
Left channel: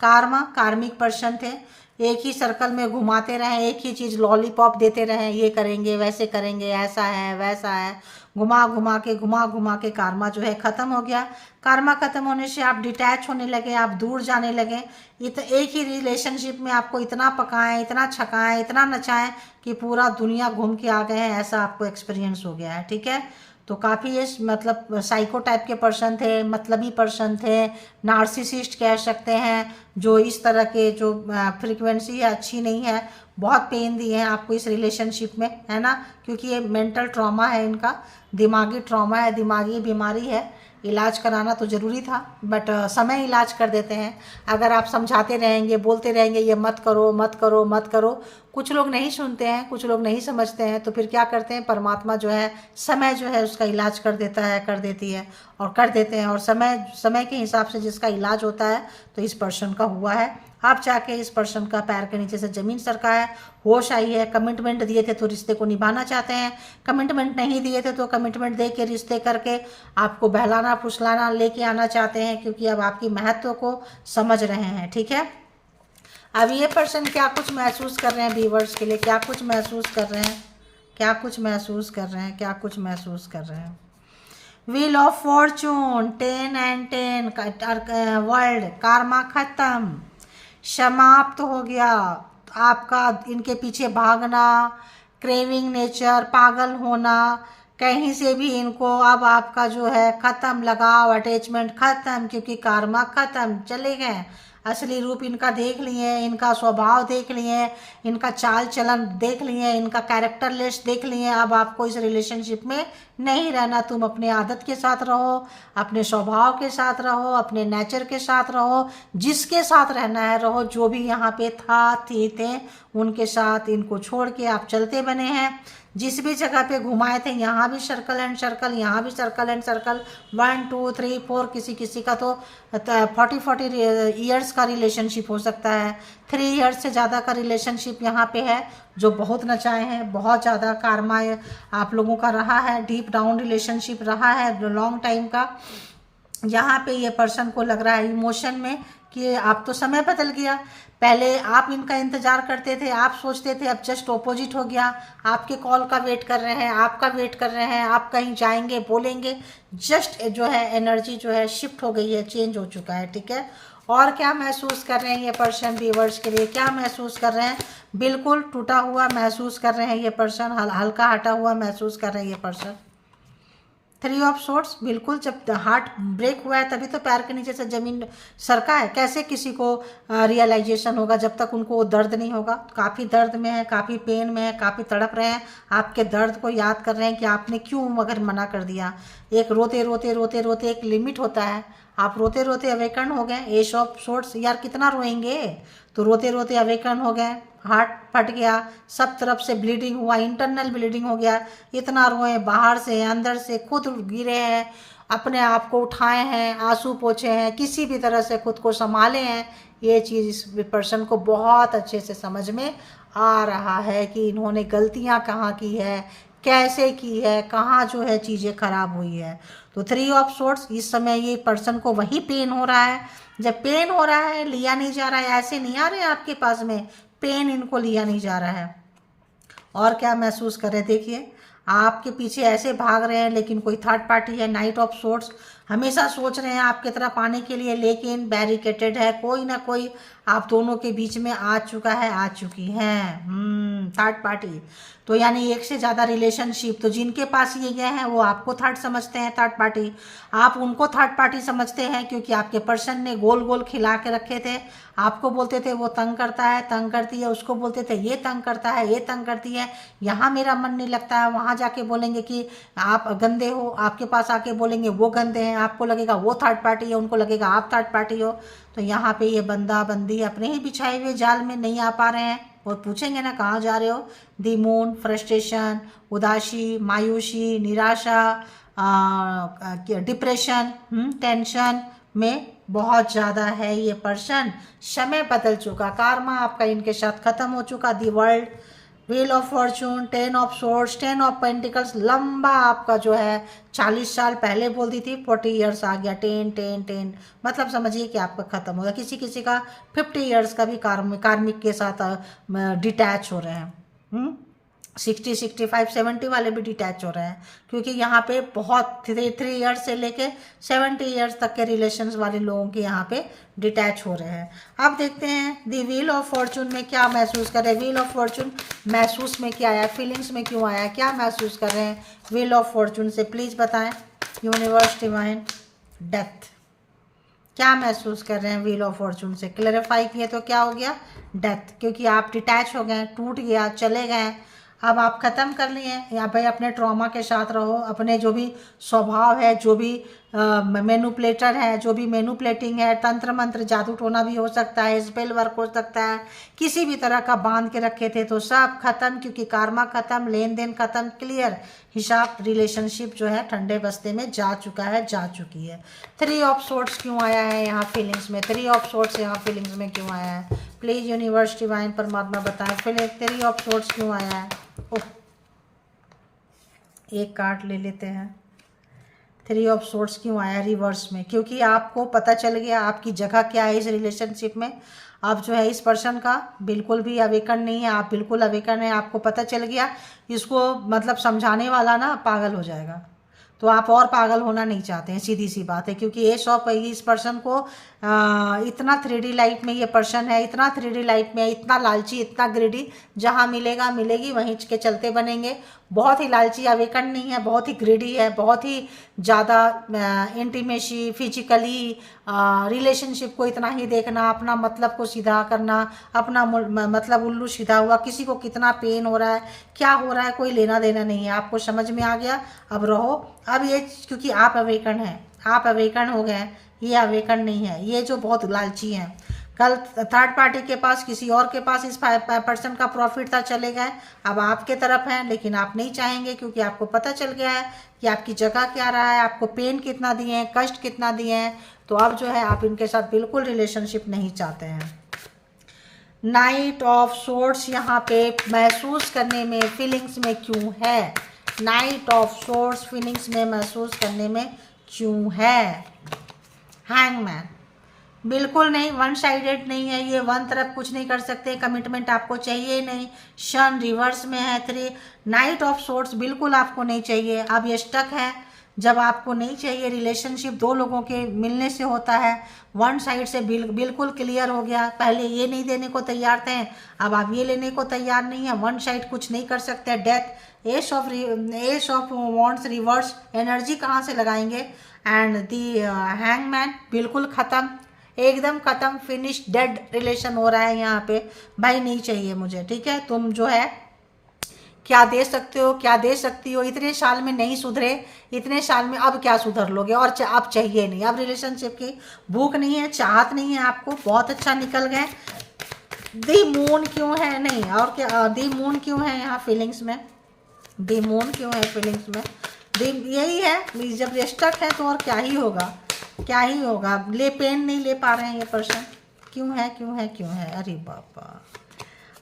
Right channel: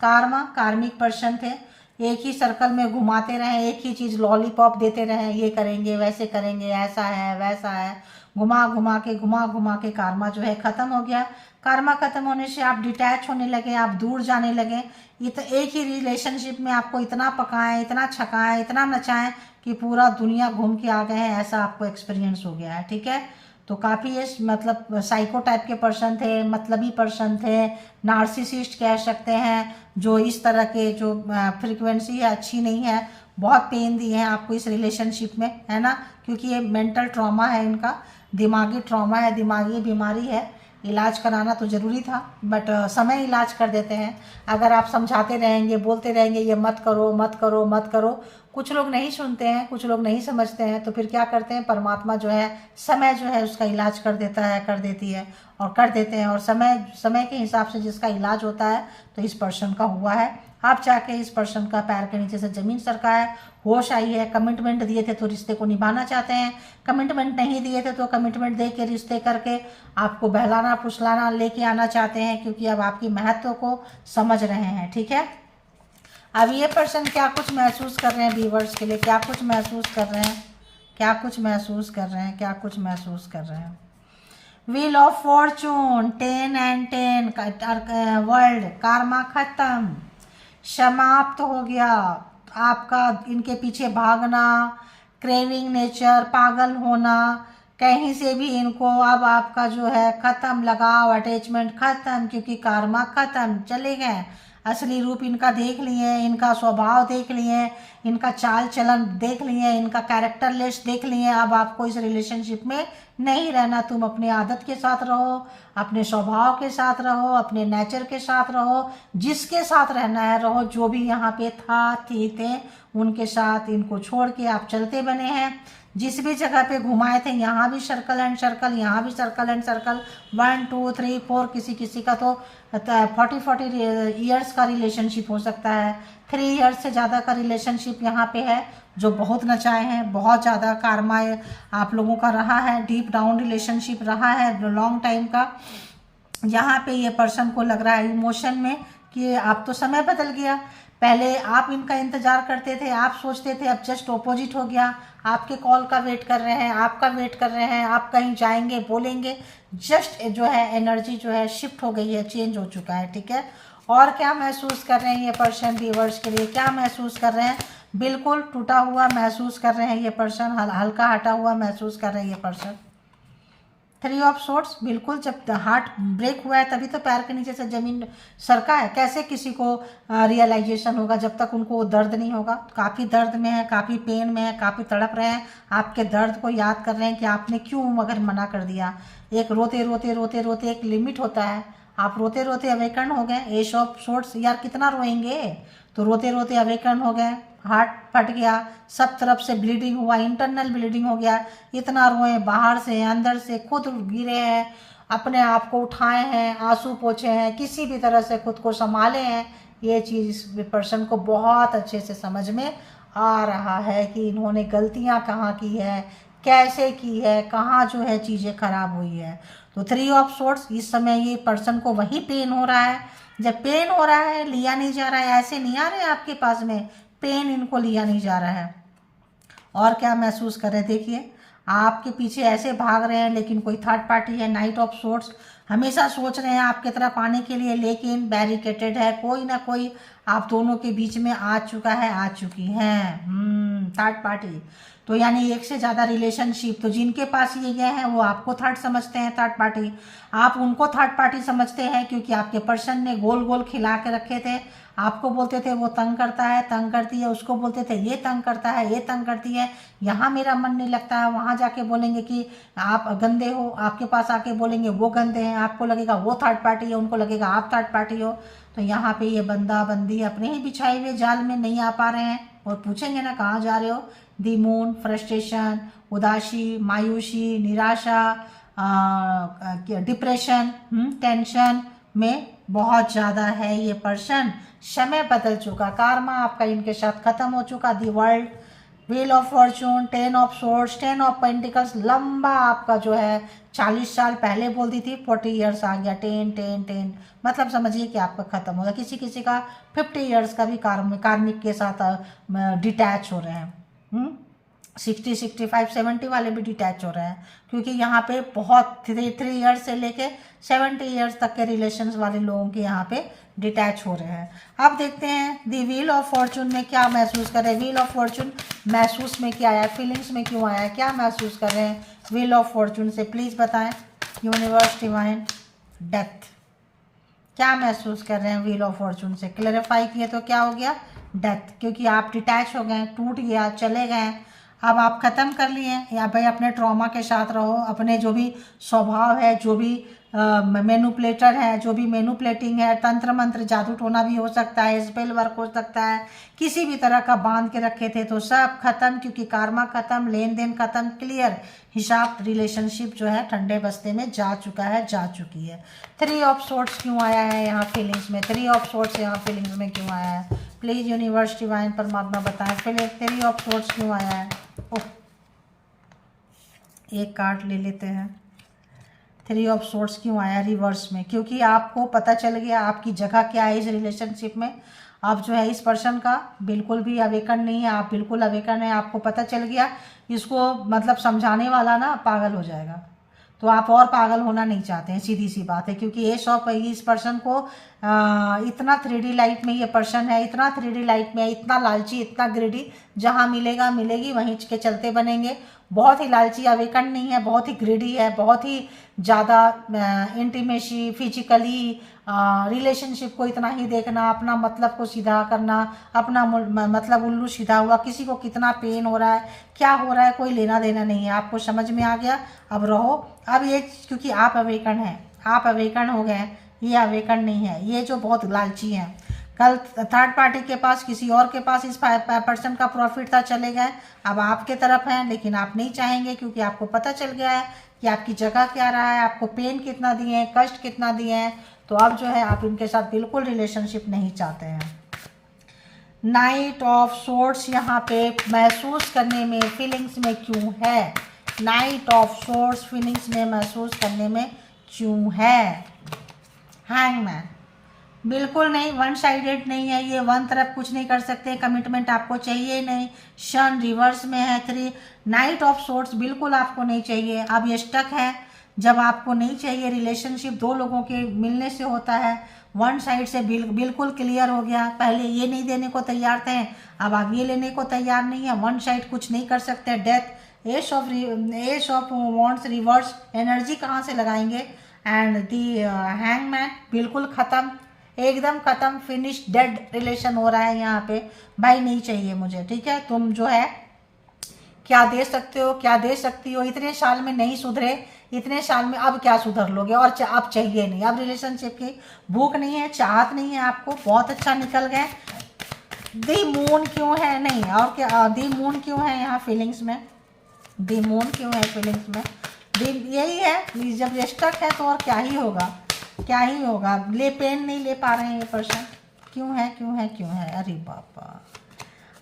कार्मिक पर्सन थे, एक ही सर्कल में घुमाते रहे, एक ही चीज़ लॉलीपॉप देते रहे, ये करेंगे, वैसे करेंगे, ऐसा है, वैसा है, घुमा घुमा के कार्मा जो है ख़त्म हो गया। कार्मा ख़त्म होने से आप डिटैच होने लगे, आप दूर जाने लगे। ये तो एक ही रिलेशनशिप में आपको इतना पकाएं, इतना छकाएं, इतना नचाएं कि पूरा दुनिया घूम के आ गए हैं, ऐसा आपको एक्सपीरियंस हो गया है, ठीक है। तो काफ़ी ये मतलब साइको टाइप के पर्सन थे, मतलबी पर्सन थे, नार्सिसिस्ट कह सकते हैं, जो इस तरह के जो फ्रीक्वेंसी है अच्छी नहीं है, बहुत पेन दिए हैं आपको इस रिलेशनशिप में, है ना। क्योंकि ये मेंटल ट्रॉमा है इनका, दिमागी ट्रॉमा है, दिमागी बीमारी है। इलाज कराना तो ज़रूरी था, बट समय इलाज कर देते हैं। अगर आप समझाते रहेंगे, बोलते रहेंगे ये मत करो, मत करो, मत करो, कुछ लोग नहीं सुनते हैं, कुछ लोग नहीं समझते हैं, तो फिर क्या करते हैं, परमात्मा जो है, समय जो है उसका इलाज कर देता है, कर देती है, और कर देते हैं। और समय के हिसाब से जिसका इलाज होता है, तो इस पर्सन का हुआ है। आप जाके इस पर्सन का पैर के नीचे से ज़मीन सरका है, होश आई है। कमिटमेंट दिए थे तो रिश्ते को निभाना चाहते हैं, कमिटमेंट नहीं दिए थे तो कमिटमेंट दे के, रिश्ते करके आपको बहलाना फुसलाना लेके आना चाहते हैं, क्योंकि अब आपकी महत्व को समझ रहे हैं, ठीक है। अब ये पर्सन क्या कुछ महसूस कर रहे हैं व्यूअर्स के लिए, क्या कुछ महसूस कर रहे हैं, क्या कुछ महसूस कर रहे हैं, क्या कुछ महसूस कर रहे हैं। Wheel of Fortune 10 and 10 world Karma खत्म, समाप्त हो गया आपका इनके पीछे भागना, क्रेविंग नेचर, पागल होना, कहीं से भी इनको अब आपका जो है खत्म, लगाव अटैचमेंट खत्म, क्योंकि कार्मा खत्म, चले गए। असली रूप इनका देख लिए, इनका स्वभाव देख लिए, इनका चाल चलन देख लिए, इनका कैरेक्टर लिस्ट देख लिए। अब आपको इस रिलेशनशिप में नहीं रहना, तुम अपने आदत के साथ रहो, अपने स्वभाव के साथ रहो, अपने नेचर के साथ रहो, जिसके साथ रहना है रहो, जो भी यहाँ पे थे उनके साथ, इनको छोड़ के आप चलते बने हैं। जिस भी जगह पे घुमाए थे यहाँ भी सर्कल एंड सर्कल, यहाँ भी सर्कल एंड सर्कल, 1 2 3 4, किसी किसी का तो 40 ईयर्स का रिलेशनशिप हो सकता है, 3 ईयर्स से ज़्यादा का रिलेशनशिप यहाँ पे है, जो बहुत नचाए हैं, बहुत ज़्यादा कार्मा आप लोगों का रहा है, डीप डाउन रिलेशनशिप रहा है लॉन्ग टाइम का। यहाँ पे ये पर्सन को लग रहा है इमोशन में कि आप तो समय बदल गया, पहले आप इनका इंतजार करते थे, आप सोचते थे, अब जस्ट ऑपोजिट हो गया, आपके कॉल का वेट कर रहे हैं, आपका वेट कर रहे हैं, आप कहीं जाएंगे बोलेंगे, जस्ट जो है एनर्जी जो है शिफ्ट हो गई है, चेंज हो चुका है, ठीक है। और क्या महसूस कर रहे हैं ये पर्सन व्यूअर्स के लिए, क्या महसूस कर रहे हैं, बिल्कुल टूटा हुआ महसूस कर रहे हैं ये पर्सन, हल्का हटा हुआ महसूस कर रहे हैं ये पर्सन। 3 ऑफ सोर्ट्स, बिल्कुल जब हार्ट ब्रेक हुआ है तभी तो पैर के नीचे से जमीन सरका है, कैसे किसी को रियलाइजेशन होगा जब तक उनको वो दर्द नहीं होगा। काफ़ी दर्द में है, काफ़ी पेन में है, काफ़ी तड़प रहे हैं, आपके दर्द को याद कर रहे हैं कि आपने क्यों मगर मना कर दिया। एक रोते रोते रोते रोते एक लिमिट होता है, आप रोते रोते अवेकन हो गए। एश ऑफ सोर्ट्स, यार कितना रोएंगे, तो रोते रोते अवेकन हो गए, हार्ट फट गया, सब तरफ से ब्लीडिंग हुआ, इंटरनल ब्लीडिंग हो गया, इतना रोए, बाहर से अंदर से, खुद गिरे हैं, अपने आप को उठाए हैं, आंसू पोछे हैं, किसी भी तरह से खुद को संभाले हैं। ये चीज़ इस पर्सन को बहुत अच्छे से समझ में आ रहा है कि इन्होंने गलतियां कहाँ की है, कैसे की है, कहाँ जो है चीज़ें खराब हुई है। तो 3 ऑफ सोर्ट्स, इस समय ये पर्सन को वही पेन हो रहा है, जब पेन हो रहा है लिया नहीं जा रहा है, ऐसे नहीं आ रहे हैं आपके पास में, पेन इनको लिया नहीं जा रहा है। और क्या महसूस कर रहे हैं, देखिए आपके पीछे ऐसे भाग रहे हैं, लेकिन कोई थर्ड पार्टी है। नाइट ऑफ सोर्ट्स, हमेशा सोच रहे हैं आपकी तरफ आने के लिए, लेकिन बैरिकेटेड है, कोई ना कोई आप दोनों के बीच में आ चुका है, आ चुकी हैं थर्ड पार्टी। तो यानी एक से ज़्यादा रिलेशनशिप, तो जिनके पास ये गए हैं वो आपको थर्ड समझते हैं, थर्ड पार्टी, आप उनको थर्ड पार्टी समझते हैं, क्योंकि आपके पर्सन ने गोल गोल खिला के रखे थे। आपको बोलते थे वो तंग करता है, तंग करती है, उसको बोलते थे ये तंग करता है, ये तंग करती है, यहाँ मेरा मन नहीं लगता है, वहाँ जाके बोलेंगे कि आप गंदे हो, आपके पास आके बोलेंगे वो गंदे हैं, आपको लगेगा वो थर्ड पार्टी है, उनको लगेगा आप थर्ड पार्टी हो। तो यहाँ पे ये बंदा बंदी अपने ही बिछाए हुए जाल में नहीं आ पा रहे हैं, और पूछेंगे ना कहाँ जा रहे हो, दी मून, फ्रस्ट्रेशन, उदासी, मायूसी, निराशा, डिप्रेशन, टेंशन में बहुत ज़्यादा है ये पर्सन। समय बदल चुका, कार्मा आपका इनके साथ खत्म हो चुका। The world, wheel of Fortune, 10 of swords, 10 of pentacles, लंबा आपका जो है 40 साल पहले बोलती थी, 40 ईयर्स आ गया, 10 10 10, मतलब समझिए कि आपका खत्म हो गया। किसी किसी का 50 ईयर्स का भी कार्मिक के साथ डिटैच हो रहे हैं, 60 65 70 वाले भी डिटैच हो रहे हैं, क्योंकि यहाँ पे बहुत 3 ईयर्स से लेके 70 ईयर्स तक के रिलेशंस वाले लोगों के यहाँ पे डिटैच हो रहे हैं। अब देखते हैं दी व्हील ऑफ फॉर्चून में क्या महसूस कर रहे हैं। व्हील ऑफ फॉर्चून महसूस में क्या आया, फीलिंग्स में क्यों आया, क्या महसूस कर रहे हैं व्हील ऑफ फॉर्चून से, प्लीज़ बताएं यूनिवर्स डिवाइन। डेथ, क्या महसूस कर रहे हैं व्हील ऑफ फॉर्चून से, क्लैरिफाई किए तो क्या हो गया, डेथ, क्योंकि आप डिटैच हो गए, टूट गया, चले गए, अब आप ख़त्म कर लिए। या भाई अपने ट्रॉमा के साथ रहो, अपने जो भी स्वभाव है, जो भी मैनुपुलेटर है, जो भी मैनुपुलेटिंग है, तंत्र मंत्र जादू टोना भी हो सकता है, स्पेल वर्क हो सकता है, किसी भी तरह का बांध के रखे थे तो सब खत्म, क्योंकि कार्मा खत्म, लेन देन खत्म, क्लियर हिसाब, रिलेशनशिप जो है ठंडे बस्ते में जा चुका है, जा चुकी है। 3 ऑफ सोर्ट्स क्यों आया है यहाँ फीलिंग्स में, 3 ऑफ सोर्ट्स यहाँ फीलिंग्स में क्यों आया है, प्लीज़ यूनिवर्स डिवाइन परमात्मा बताएं, फिर 3 ऑफ सोर्ट्स क्यों आया है। ओह, एक कार्ड ले लेते हैं। 3 ऑफ सोर्ट्स क्यों आया रिवर्स में, क्योंकि आपको पता चल गया आपकी जगह क्या है इस रिलेशनशिप में। आप जो है इस पर्सन का बिल्कुल भी अवेकन नहीं है, आप बिल्कुल अवेकन है, आपको पता चल गया, इसको मतलब समझाने वाला ना पागल हो जाएगा। तो आप और पागल होना नहीं चाहते हैं, सीधी सी बात है। क्योंकि ये शॉप इस पर्सन को इतना 3D लाइफ में ये पर्सन है, इतना 3D लाइफ में इतना लालची, इतना ग्रेडी, जहाँ मिलेगा मिलेगी वहीं के चलते बनेंगे। बहुत ही लालची, अवेकन नहीं है, बहुत ही ग्रेडी है, बहुत ही ज़्यादा इंटीमेसी, फिजिकली रिलेशनशिप को इतना ही देखना, अपना मतलब को सीधा करना, अपना मतलब उल्लू सीधा हुआ, किसी को कितना पेन हो रहा है, क्या हो रहा है, कोई लेना देना नहीं है। आपको समझ में आ गया, अब रहो। अब ये क्योंकि आप अवेकन हैं, आप अवेकन हो गए हैं, ये अवेकन नहीं है, ये जो बहुत लालची हैं। कल थर्ड पार्टी के पास, किसी और के पास इस पर्सन का प्रॉफिट था, चले गए, अब आपके तरफ हैं, लेकिन आप नहीं चाहेंगे क्योंकि आपको पता चल गया है कि आपकी जगह क्या रहा है, आपको पेन कितना दिए हैं, कष्ट कितना दिए हैं। तो अब जो है आप इनके साथ बिल्कुल रिलेशनशिप नहीं चाहते हैं। नाइट ऑफ सोर्ड्स यहाँ पे महसूस करने में, फीलिंग्स में क्यों है? नाइट ऑफ सोर्ड्स फीलिंग्स में महसूस करने में क्यों है? हैंगमैन, बिल्कुल नहीं, वन साइडेड नहीं है ये, वन तरफ कुछ नहीं कर सकते, कमिटमेंट आपको चाहिए नहीं। शन रिवर्स में है 3, नाइट ऑफ सोर्ड्स बिल्कुल आपको नहीं चाहिए। अब ये स्टक है, जब आपको नहीं चाहिए रिलेशनशिप, दो लोगों के मिलने से होता है, वन साइड से बिल्कुल क्लियर हो गया। पहले ये नहीं देने को तैयार थे, अब आप ये लेने को तैयार नहीं है, वन साइड कुछ नहीं कर सकते। Death, S of wands reverse, energy कहाँ से लगाएंगे? एंड दी हैंगमैन, बिल्कुल ख़त्म, एकदम ख़त्म, फिनिश, डेड रिलेशन हो रहा है यहाँ पे। भाई नहीं चाहिए मुझे, ठीक है? तुम जो है क्या दे सकते हो, क्या दे सकती हो, इतने साल में नहीं सुधरे, इतने साल में अब क्या सुधर लोगे? और अब चाहिए नहीं, अब रिलेशनशिप की भूख नहीं है, चाहत नहीं है आपको। बहुत अच्छा निकल गए। दी मून क्यों है? नहीं, और क्या, दी मून क्यों है यहाँ फीलिंग्स में? दी मून क्यों है फीलिंग्स में? दी यही है, जब ये स्टक है तो और क्या ही होगा, क्या ही होगा। ले पेन नहीं ले पा रहे हैं ये पर्सन, क्यों है, क्यों है, क्यों है? अरे बाबा,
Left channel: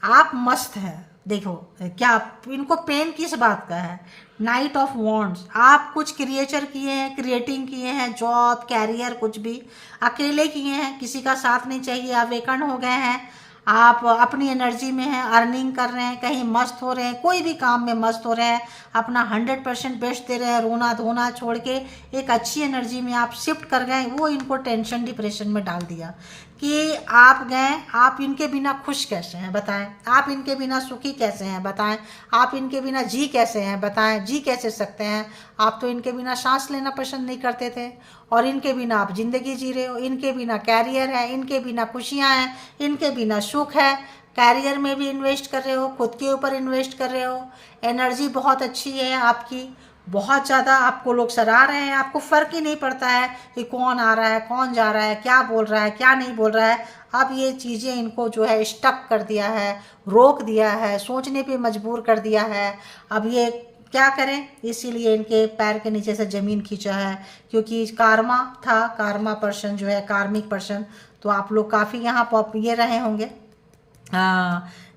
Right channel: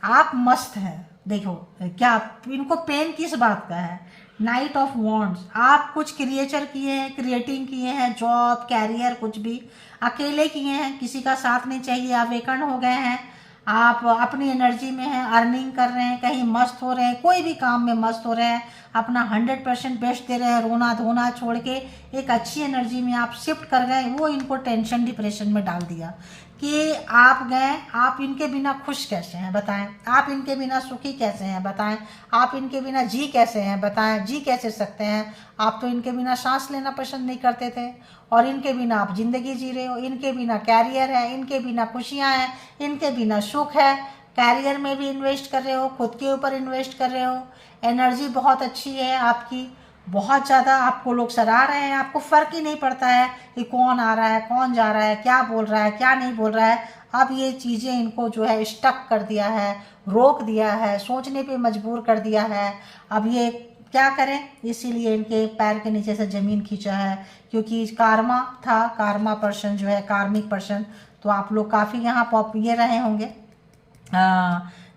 आप मस्त हैं। देखो क्या इनको पेन किस बात का है? नाइट ऑफ वॉन्ड्स, आप कुछ क्रिएचर किए हैं, क्रिएटिंग किए हैं, जॉब, कैरियर, कुछ भी अकेले किए हैं, किसी का साथ नहीं चाहिए, आप वेकन हो गए हैं, आप अपनी एनर्जी में हैं, अर्निंग कर रहे हैं, कहीं मस्त हो रहे हैं, कोई भी काम में मस्त हो रहे हैं, अपना 100% बेस्ट दे रहे हैं, रोना धोना छोड़ के एक अच्छी एनर्जी में आप शिफ्ट कर गए। वो इनको टेंशन, डिप्रेशन में डाल दिया कि आप गए। आप इनके बिना खुश कैसे हैं बताएं? आप इनके बिना सुखी कैसे हैं बताएं? आप इनके बिना जी कैसे हैं बताएं? जी कैसे सकते हैं? आप तो इनके बिना सांस लेना पसंद नहीं करते थे, और इनके बिना आप जिंदगी जी रहे हो। इनके बिना कैरियर है, इनके बिना खुशियां हैं, इनके बिना सुख है। कैरियर में भी इन्वेस्ट कर रहे हो, खुद के ऊपर इन्वेस्ट कर रहे हो, एनर्जी बहुत अच्छी है आपकी, बहुत ज़्यादा आपको लोग सराह रहे हैं, आपको फ़र्क ही नहीं पड़ता है कि कौन आ रहा है, कौन जा रहा है, क्या बोल रहा है, क्या नहीं बोल रहा है। अब ये चीज़ें इनको जो है स्टक कर दिया है, रोक दिया है, सोचने पे मजबूर कर दिया है। अब ये क्या करें? इसीलिए इनके पैर के नीचे से ज़मीन खींचा है, क्योंकि कार्मा था, कार्मा पर्सन जो है, कार्मिक पर्सन। तो आप लोग काफ़ी यहाँ ये रहे होंगे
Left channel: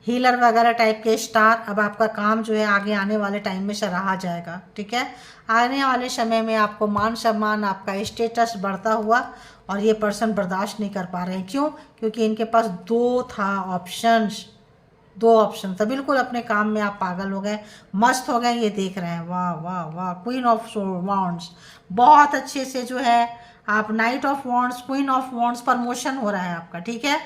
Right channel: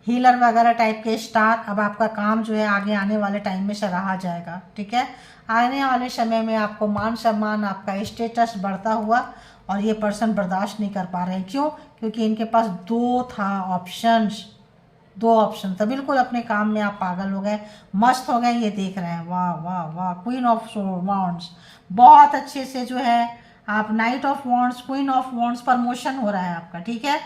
हीलर वगैरह टाइप के स्टार। अब आपका काम जो है आगे आने वाले टाइम में सराहा जाएगा, ठीक है? आने वाले समय में आपको मान सम्मान, आपका स्टेटस बढ़ता हुआ, और ये पर्सन बर्दाश्त नहीं कर पा रहे हैं। क्यों? क्योंकि इनके पास दो ऑप्शन था, बिल्कुल अपने काम में आप पागल हो गए, मस्त हो गए। ये देख रहे हैं, वाह वाह वाह, क्वीन ऑफ वॉन्ड्स, बहुत अच्छे से जो है आप night of wands, queen of wands, promotion हो रहा है आपका, ठीक है?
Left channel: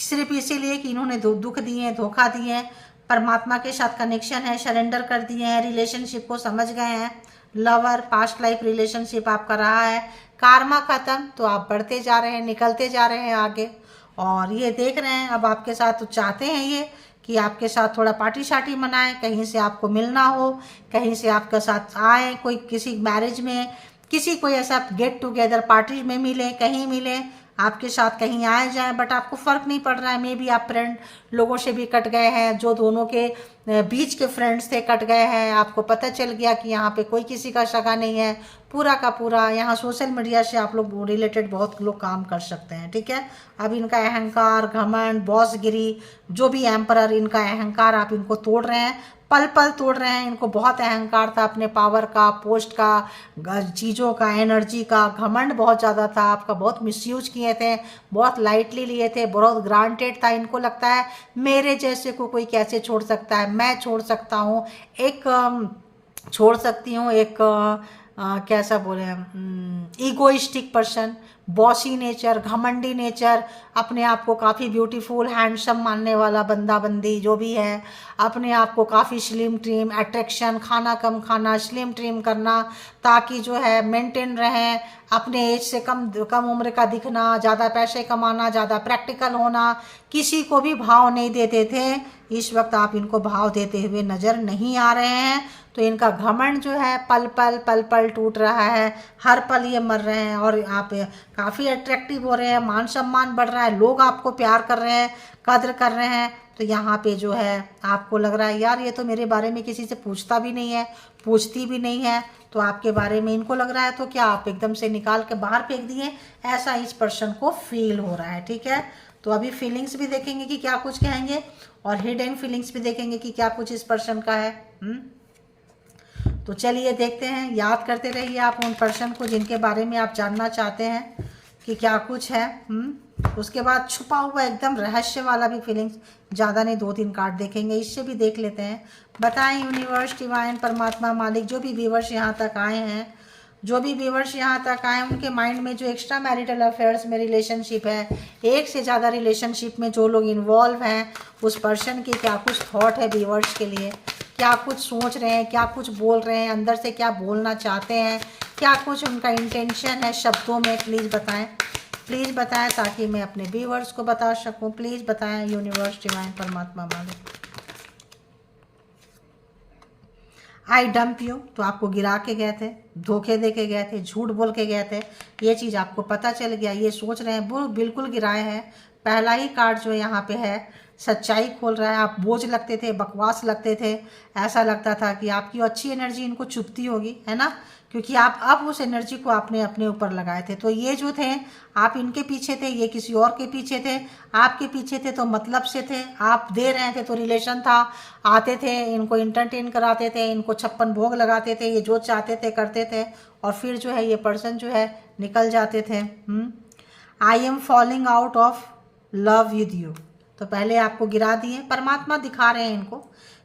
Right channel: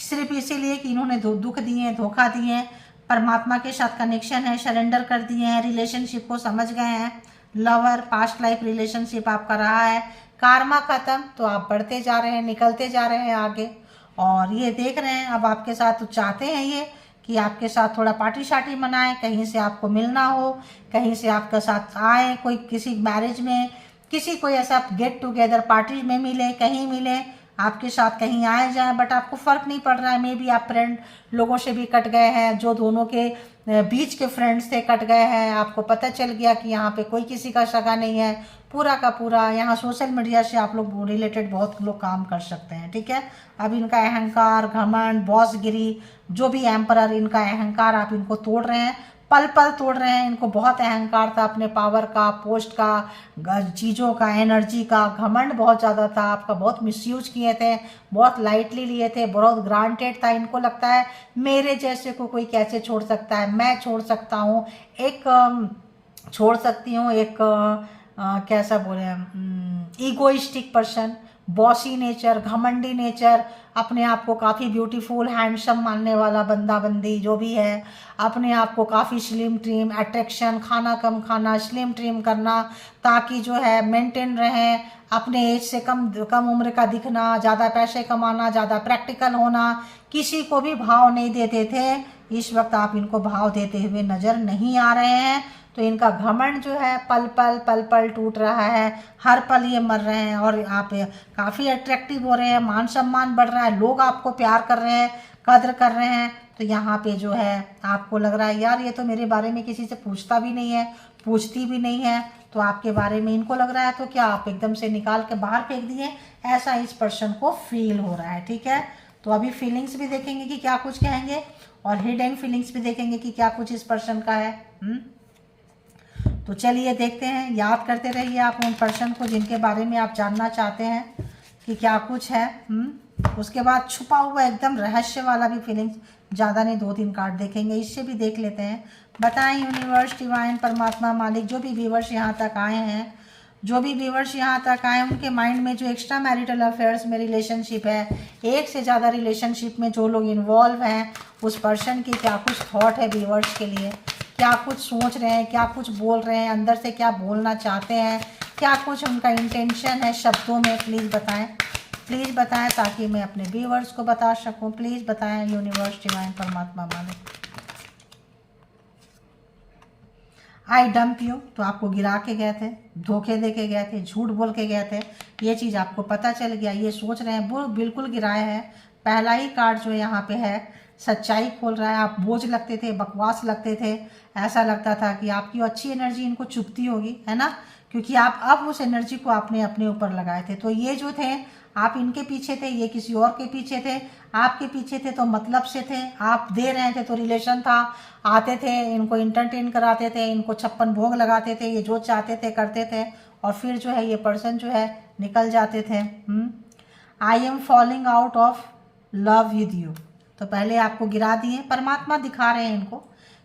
सिर्फ इसीलिए कि इन्होंने दुख दिए हैं, धोखा दिए हैं, परमात्मा के साथ कनेक्शन है, सरेंडर कर दिए हैं, रिलेशनशिप को समझ गए हैं। लवर, पास्ट लाइफ रिलेशनशिप आपका रहा है, कार्मा खत्म, तो आप बढ़ते जा रहे हैं, निकलते जा रहे हैं आगे। और ये देख रहे हैं अब आपके साथ, तो चाहते हैं ये कि आपके साथ थोड़ा पार्टी शार्टी मनाएं, कहीं से आपको मिलना हो, कहीं से आपके साथ आए, कोई किसी मैरिज में, किसी कोई ऐसा गेट टुगेदर पार्टी में मिले, कहीं मिले, आपके साथ कहीं आए जाएं, बट आपको फ़र्क नहीं पड़ रहा है। मे बी आप फ्रेंड लोगों से भी कट गए हैं, जो दोनों के बीच के फ्रेंड्स थे कट गए हैं, आपको पता चल गया कि यहाँ पे कोई किसी का सगा नहीं है, पूरा का पूरा। यहाँ सोशल मीडिया से आप लोग रिलेटेड बहुत लोग काम कर सकते हैं, ठीक है? अब इनका अहंकार, घमंड, बॉसगिरी, जो भी एम्परर, इनका अहंकार आप इनको तोड़ रहे हैं, पल पल तोड़ रहे हैं। इनको बहुत अहंकार था अपने पावर का, पोस्ट का, चीज़ों का, एनर्जी का, घमंड बहुत ज़्यादा था, आपका बहुत मिसयूज किए थे, बहुत लाइटली लिए थे, बहुत ग्रांटेड था। इनको लगता है मेरे जैसे को कोई कैसे छोड़ सकता है, मैं छोड़ सकता हूँ, छोड़ सकती हूँ एक कैसा बोले हम, ईगोइस्टिक पर्सन, बॉसी नेचर, घमंडी नेचर, अपने आप को काफ़ी ब्यूटीफुल हैंडसम मानने वाला बंदा बंदी जो भी है, अपने आप को काफ़ी स्लिम ट्रिम, अट्रैक्शन, खाना कम खाना, स्लिम ट्रिम करना ताकि जो है मेंटेन रहें, अपने एज से कम कम उम्र का दिखना, ज़्यादा पैसे कमाना, ज़्यादा प्रैक्टिकल होना, किसी को भी भाव नहीं देते थे। इस वक्त आप इनको भाव देते हुए नज़र नहीं आ रहे हैं। तो इनका घमंड जो है पल पल टूट रहा है, हर पल ये मर रहे हैं और आप काफ़ी अट्रैक्टिव हो रहे हैं, मान सम्मान बढ़ रहा है, लोग आपको प्यार कर रहे हैं, कद्र कर रहे हैं। तो यहाँ पे जो है आपको लग रहा है यार ये तो मेरे बारे में किसी से पूछता भी नहीं है, पूछती भी नहीं है, तो आपके बारे में इनको लग रहा है तो क्या आप एकदम से निकाल के बाहर फेंक दिए, ऐसा इस पर्सन को फील हो रहा है। ठीक है, तो अभी फीलिंग्स भी देखेंगे कि क्या कुछ कहेंगे और हिडन फीलिंग्स भी देखेंगे कि क्या कुछ इस पर्सन का है। तो चलिए देखते हैं, याद करते रहिए आप उन पर्सन को जिनके बारे में आप जानना चाहते हैं कि क्या कुछ है। उसके बाद छुपा हुआ एकदम रहस्य वाला भी फीलिंग्स, ज़्यादा नहीं 2-3 कार्ड देखेंगे, इससे भी देख लेते हैं। बताएं यूनिवर्स, डिवाइन, परमात्मा, मालिक, जो भी व्यूवर्स यहाँ तक आए हैं, जो भी व्यूवर्स यहाँ तक आए उनके माइंड में जो एक्स्ट्रा मैरिटल अफेयर्स में रिलेशनशिप है, एक से ज़्यादा रिलेशनशिप में जो लोग इन्वॉल्व हैं, उस पर्सन की क्या कुछ थॉट है व्यूवर्स के लिए, क्या कुछ सोच रहे हैं, क्या कुछ बोल रहे हैं, अंदर से क्या बोलना चाहते हैं, क्या कुछ उनका इंटेंशन है शब्दों में, प्लीज़ बताएं ताकि मैं अपने व्यूवर्स को बता सकूं। प्लीज़ बताएं यूनिवर्स, डिवाइन, परमात्मा, मालिक। आई डंप यू, तो आपको गिरा के गए थे, धोखे दे के गए थे, झूठ बोल के गए थे, ये चीज़ आपको पता चल गया, ये सोच रहे हैं, वो बिल्कुल गिराए हैं। पहला ही कार्ड जो यहाँ पे है सच्चाई खोल रहा है। आप बोझ लगते थे, बकवास लगते थे, ऐसा लगता था कि आपकी अच्छी एनर्जी इनको चुभती होगी, है ना, क्योंकि आप अब उस एनर्जी को आपने अपने ऊपर लगाए थे। तो ये जो थे आप इनके पीछे थे, ये किसी और के पीछे थे, आपके पीछे थे तो मतलब से थे, आप दे रहे थे तो रिलेशन था, आते थे इनको इंटरटेन कराते थे, इनको 56 भोग लगाते थे, ये जो चाहते थे करते थे और फिर जो है ये पर्सन जो है निकल जाते थे। I am falling out of love with you, तो पहले आपको गिरा दिए, परमात्मा दिखा रहे हैं इनको,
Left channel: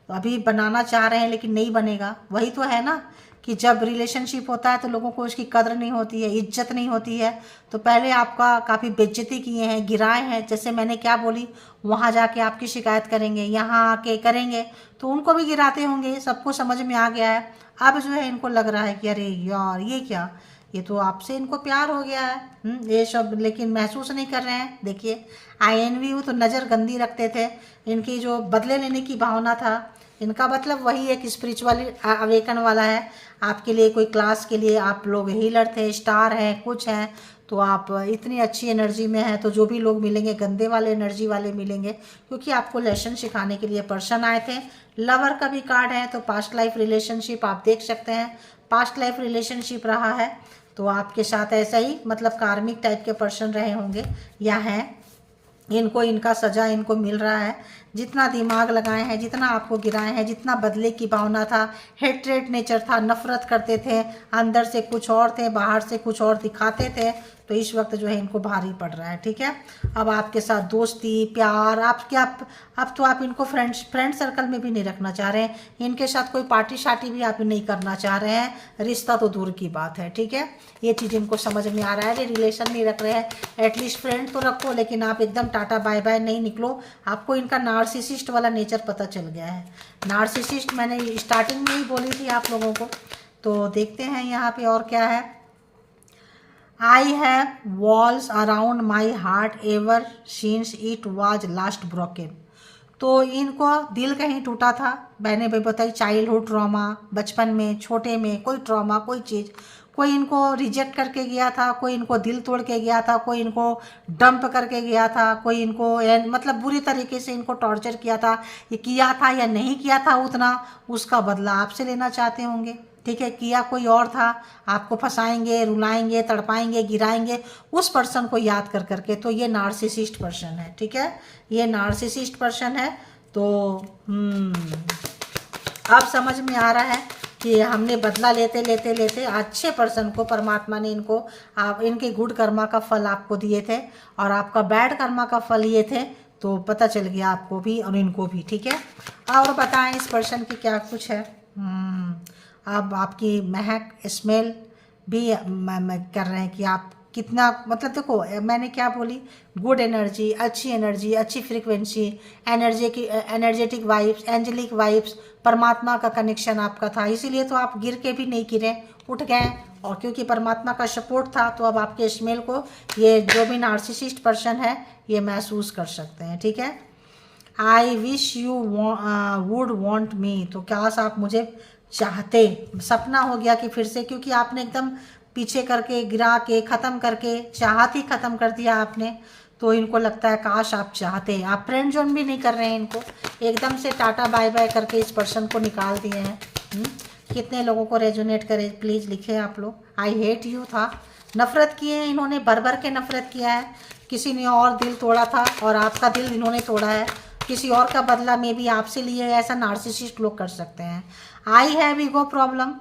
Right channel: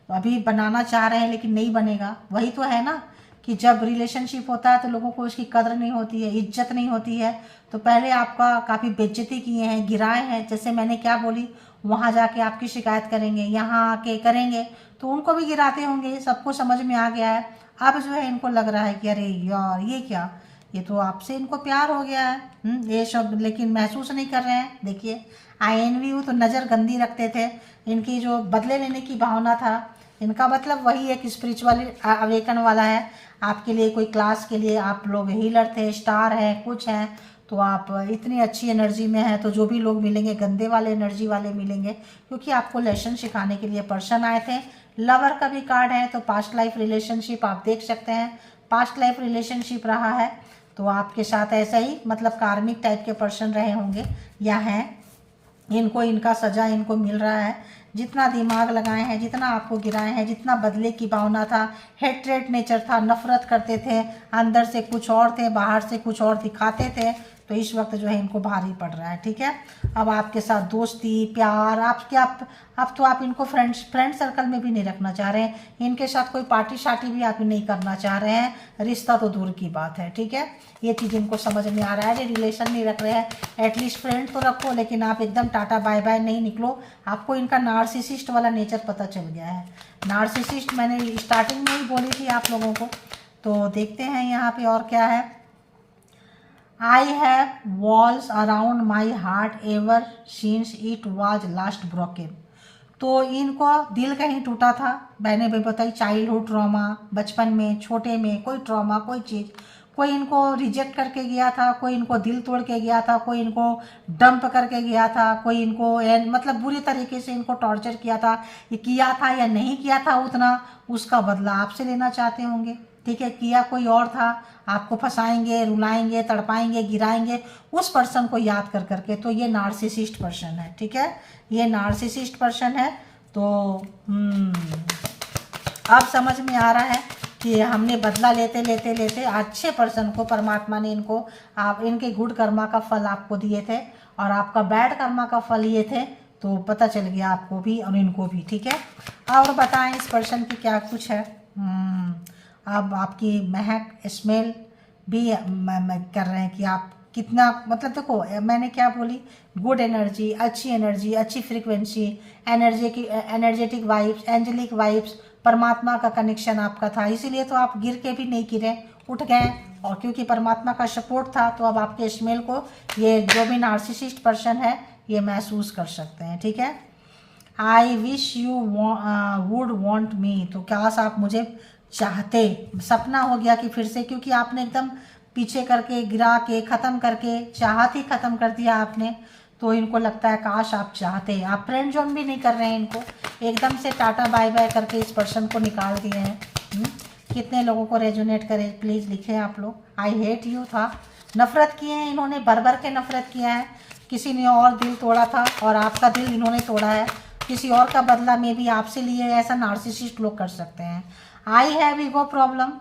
तो अभी बनाना चाह रहे हैं लेकिन नहीं बनेगा। वही तो है ना कि जब रिलेशनशिप होता है तो लोगों को उसकी कदर नहीं होती है, इज्जत नहीं होती है। तो पहले आपका काफ़ी बेइज्जती किए हैं, गिराए हैं, जैसे मैंने क्या बोली, वहाँ जाके आपकी शिकायत करेंगे, यहाँ आके करेंगे, तो उनको भी गिराते होंगे, सबको समझ में आ गया है। अब जो है इनको लग रहा है कि अरे यार ये क्या, ये तो आपसे इनको प्यार हो गया है, ये सब, लेकिन महसूस नहीं कर रहे हैं। देखिए आई एनवी यू, तो नज़र गंदी रखते थे, इनकी जो बदले लेने की भावना था, इनका मतलब वही एक स्पिरिचुअल अवेकन वाला है आपके लिए, कोई क्लास के लिए आप लोग हीलर थे, स्टार हैं, कुछ हैं, तो आप इतनी अच्छी एनर्जी में हैं, तो जो भी लोग मिलेंगे गंदे वाले एनर्जी वाले मिलेंगे, क्योंकि आपको लेसन सिखाने के लिए पर्सन आए थे। लवर का भी कार्ड है, तो पास्ट लाइफ रिलेशनशिप आप देख सकते हैं, पास्ट लाइफ रिलेशनशिप रहा है, तो आपके साथ ऐसा ही मतलब कार्मिक टाइप के पर्सन रहे होंगे या हैं, इनको इनका सजा इनको मिल रहा है। जितना दिमाग लगाए हैं, जितना आपको गिराए हैं, जितना बदले की भावना था, हेट्रेट नेचर था, नफरत करते थे, अंदर से कुछ और थे, बाहर से कुछ और दिखाते थे, तो इस वक्त जो है इनको भारी पड़ रहा है। ठीक है, अब आपके साथ दोस्ती, प्यार, आपके अब तो आप इनको फ्रेंड सर्कल में भी नहीं रखना चाह रहे हैं, इनके साथ कोई पार्टी शार्टी भी आप नहीं करना चाह रहे हैं, रिश्ता तो दूर की बात है। ठीक है, ये चीज़ इनको समझ में आ रहा है, रिलेशन नहीं रख रहे हैं, एटलीस्ट फ्रेंड तो रखो, लेकिन आप एकदम टाटा बाय बाय नहीं निकलो। आपको इनका नार्सिसिस्ट वाला नेचर पता चल गया है। नार्सिसिस्ट मैंने स्टार्टिंग में ही बोली थी आप लोगों को। तो देखते हैं यहाँ पे और क्या है। I have walls around my heart ever since it was last broken, तो इनको दिल कहीं टूटा था, मैंने भी बताई, चाइल्डहुड ट्रॉमा, बचपन में छोटे में कोई ट्रॉमा, कोई चीज़, कोई इनको रिजेक्ट करके गया था, कोई इनको दिल तोड़ के गया था, कोई इनको डंप करके गया था, कोई इनको मतलब बुरी तरीके से इनको टॉर्चर किया था, ये किया था या नहीं किया था उतना, उसका बदला आपसे लेना चाहते होंगे। ठीक है, किया कोई और था, आपको फंसाएंगे, रुलाएंगे, तड़पाएंगे, गिराएंगे, उस पर्सन को याद कर करके। तो ये नार्सिसिस्ट पर्सन है। ठीक है, ये नार्सिसिस्ट पर्सन है। तो अब समझ में आ रहा है कि हमने बदला लेते लेते लेते अच्छे पर्सन को परमात्मा ने इनको आप इनके गुड कर्मा का फल आपको दिए थे और आपका बैड कर्मा का फल ये थे, तो पता चल गया आपको भी और इनको भी। ठीक है, और बताएं इस पर्सन की क्या कुछ है। अब आपकी महक स्मेल भी कर रहे हैं कि आप कितना, मतलब देखो मैंने क्या बोली, गुड एनर्जी, अच्छी frequency, energetic vibes, angelic vibes, परमात्मा का कनेक्शन आपका था, इसीलिए तो आप गिर के भी नहीं गिरे, उठ गए। और क्योंकि परमात्मा का सपोर्ट था तो अब आपके स्मेल को ये जो भी नार्सिसिस्ट पर्सन है ये महसूस कर सकते हैं, ठीक है। I wish you would want me, तो काश आप मुझे चाहते, सपना हो गया कि फिर से, क्योंकि आपने एकदम पीछे करके गिरा के ख़त्म करके चाहत ही ख़त्म कर दिया आपने, तो इनको लगता है काश आप चाहते। आप फ्रेंड जोन भी नहीं कर रहे हैं इनको, एकदम से टाटा बाय बाय करके इस पर्सन को निकाल दिए हैं। कितने लोगों को रेजोनेट करे प्लीज़ लिखे आप लोग। आई हेट यू था, नफ़रत किए हैं इन्होंने, भर भर के नफ़रत किया है। किसी ने और दिल तोड़ा था और आपका दिल इन्होंने तोड़ा है, किसी और का बदला में भी आपसे लिए, ऐसा नार्सिसिस्ट लोग कर सकते हैं। आई हैव ईगो प्रॉब्लम,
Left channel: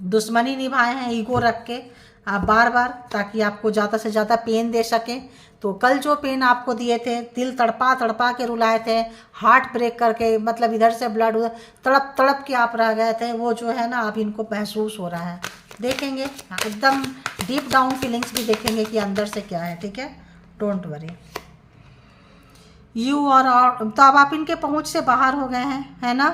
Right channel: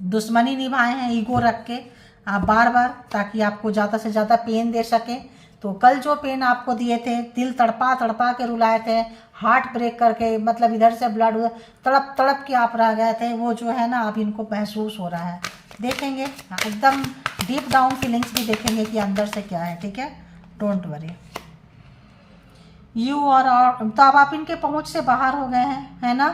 दुश्मनी निभाए हैं ईगो रख के आप बार बार, ताकि आपको ज़्यादा से ज़्यादा पेन दे सके। तो कल जो पेन आपको दिए थे, दिल तड़पा तड़पा के रुलाए थे, हार्ट ब्रेक करके, मतलब इधर से ब्लड तड़प तड़प के आप रह गए थे, वो जो है ना अब इनको महसूस हो रहा है। देखेंगे एकदम डीप डाउन फीलिंग्स भी देखेंगे कि अंदर से क्या है, ठीक है, डोंट वरी। यू और तो अब आप इनके पहुंच से बाहर हो गए हैं, है ना।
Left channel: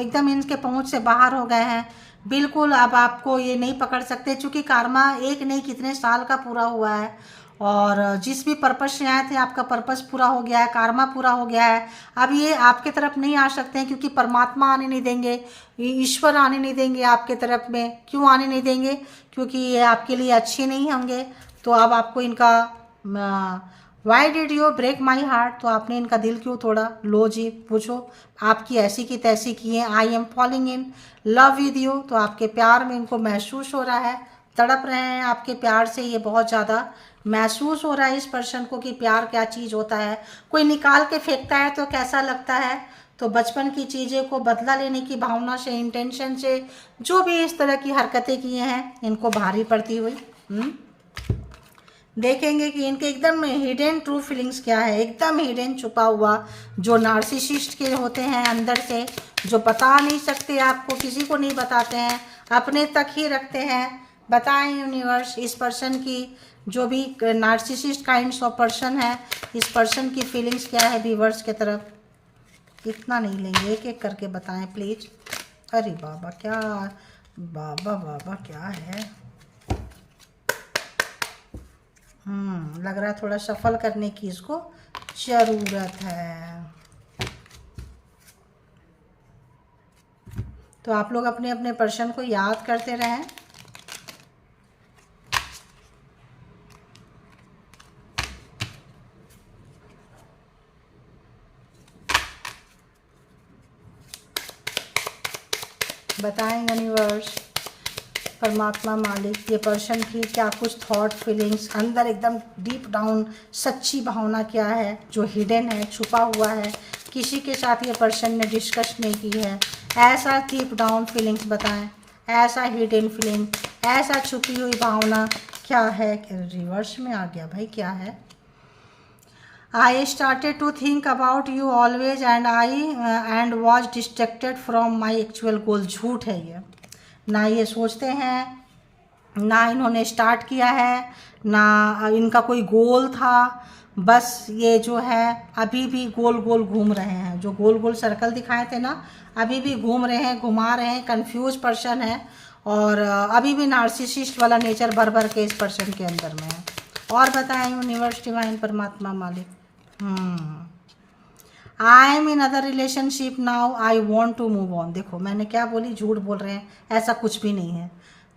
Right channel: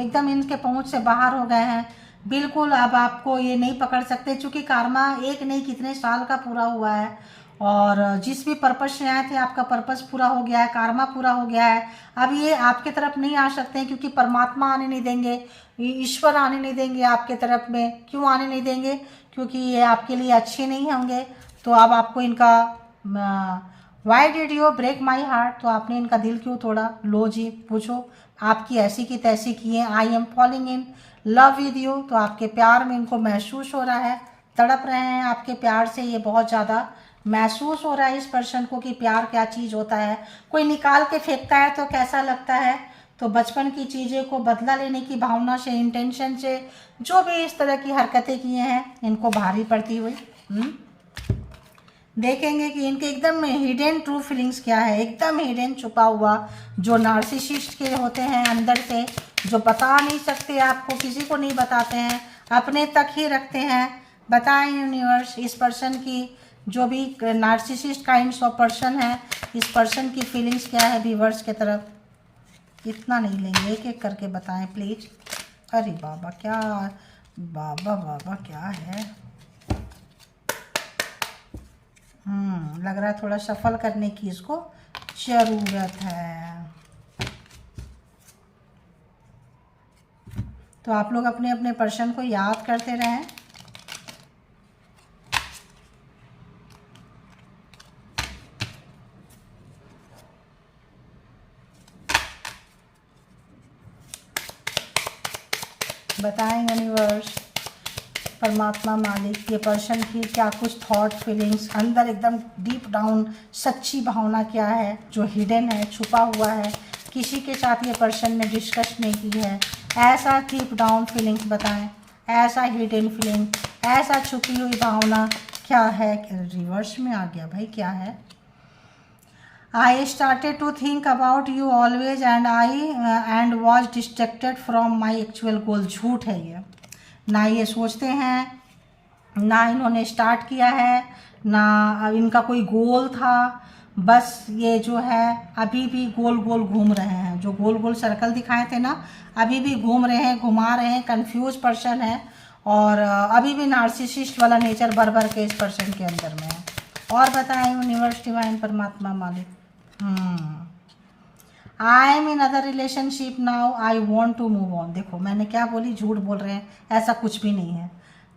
एकदम इनके पहुंच से बाहर हो गए हैं बिल्कुल। अब आपको ये नहीं पकड़ सकते, क्योंकि कार्मा एक नहीं कितने साल का पूरा हुआ है, और जिस भी पर्पस से आए थे आपका पर्पस पूरा हो गया है, कार्मा पूरा हो गया है। अब ये आपके तरफ नहीं आ सकते हैं, क्योंकि परमात्मा आने नहीं देंगे, ईश्वर आने नहीं देंगे आपके तरफ में। क्यों आने नहीं देंगे? क्योंकि ये आपके लिए अच्छे नहीं होंगे। तो अब आपको इनका why did you break my heart, तो आपने इनका दिल क्यों तोड़ा? लो जी पूछो, आपकी ऐसी की तैसी की है। I M falling in love with you, तो आपके प्यार में इनको महसूस हो रहा है, तड़प रहे हैं आपके प्यार से, ये बहुत ज़्यादा महसूस हो रहा है इस पर्सन को कि प्यार क्या चीज़ होता है। कोई निकाल के फेंकता है तो कैसा लगता है, तो बचपन की चीज़ें को बदला लेने की भावना से, इंटेंशन से जो भी इस तरह की हरकतें किए हैं इनको भारी पड़ती हुई। देखेंगे कि इनके एकदम हिडन ट्रू फीलिंग्स क्या है, एकदम हिडन छुपा हुआ जो नार्सिसिस्ट के होते हैं अंदर से, जो बता नहीं सकते आपको, किसी को नहीं बताते हैं, अपने तक ही रखते हैं। बताएं यूनिवर्स, इस पर्सन की जो भी नार्सिसिस्ट काइंड्स ऑफ पर्सन है, इस पर्सन की फीलिंग्स क्या है व्यूअर्स के तरफ। इतना नहीं लेंगे, एक एक करके बताएं प्लीज। अरे बाबा क्या, बाबा बाबा क्या है। लग रहा है थोड़ा सफल करने की इसको जरूरत है। तो आप लोग अपने अपने पर्सन को याद करते रहें। बताएं यूनिवर्स, परमात्मा मालिक, ये पर्सन की क्या कुछ थॉट फीलिंग्स अंदर एकदम डीप डाउन सच्ची भावना क्या है जो हिडन है, छुपा हुआ है, किसी के साथ ये पर्सन ने डिस्कस नहीं की है। ऐसा डीप डाउन फीलिंग्स बताएं, ऐसा हिडन फीलिंग, ऐसा छुपी हुई भावना क्या है। रिवर्स में आ गया भाई, क्या है। I started to think about you always and was distracted from my actual goal। झूठ है ये, ना ये सोचते हैं, ना इन्होंने स्टार्ट किया है, ना इनका कोई गोल था। बस ये जो है अभी भी गोल गोल घूम रहे हैं, जो गोल गोल सर्कल दिखाए थे ना, अभी भी घूम रहे हैं, घुमा रहे हैं। कंफ्यूज पर्सन है और अभी भी नार्सिसिस्ट वाला नेचर भर भर के इस पर्सन के अंदर में है। और बताएं यूनिवर्स डिवाइन परमात्मा मालिक। I am in other relationship now, I want to move on. देखो मैंने क्या बोली, झूठ बोल रहे हैं, ऐसा कुछ भी नहीं है।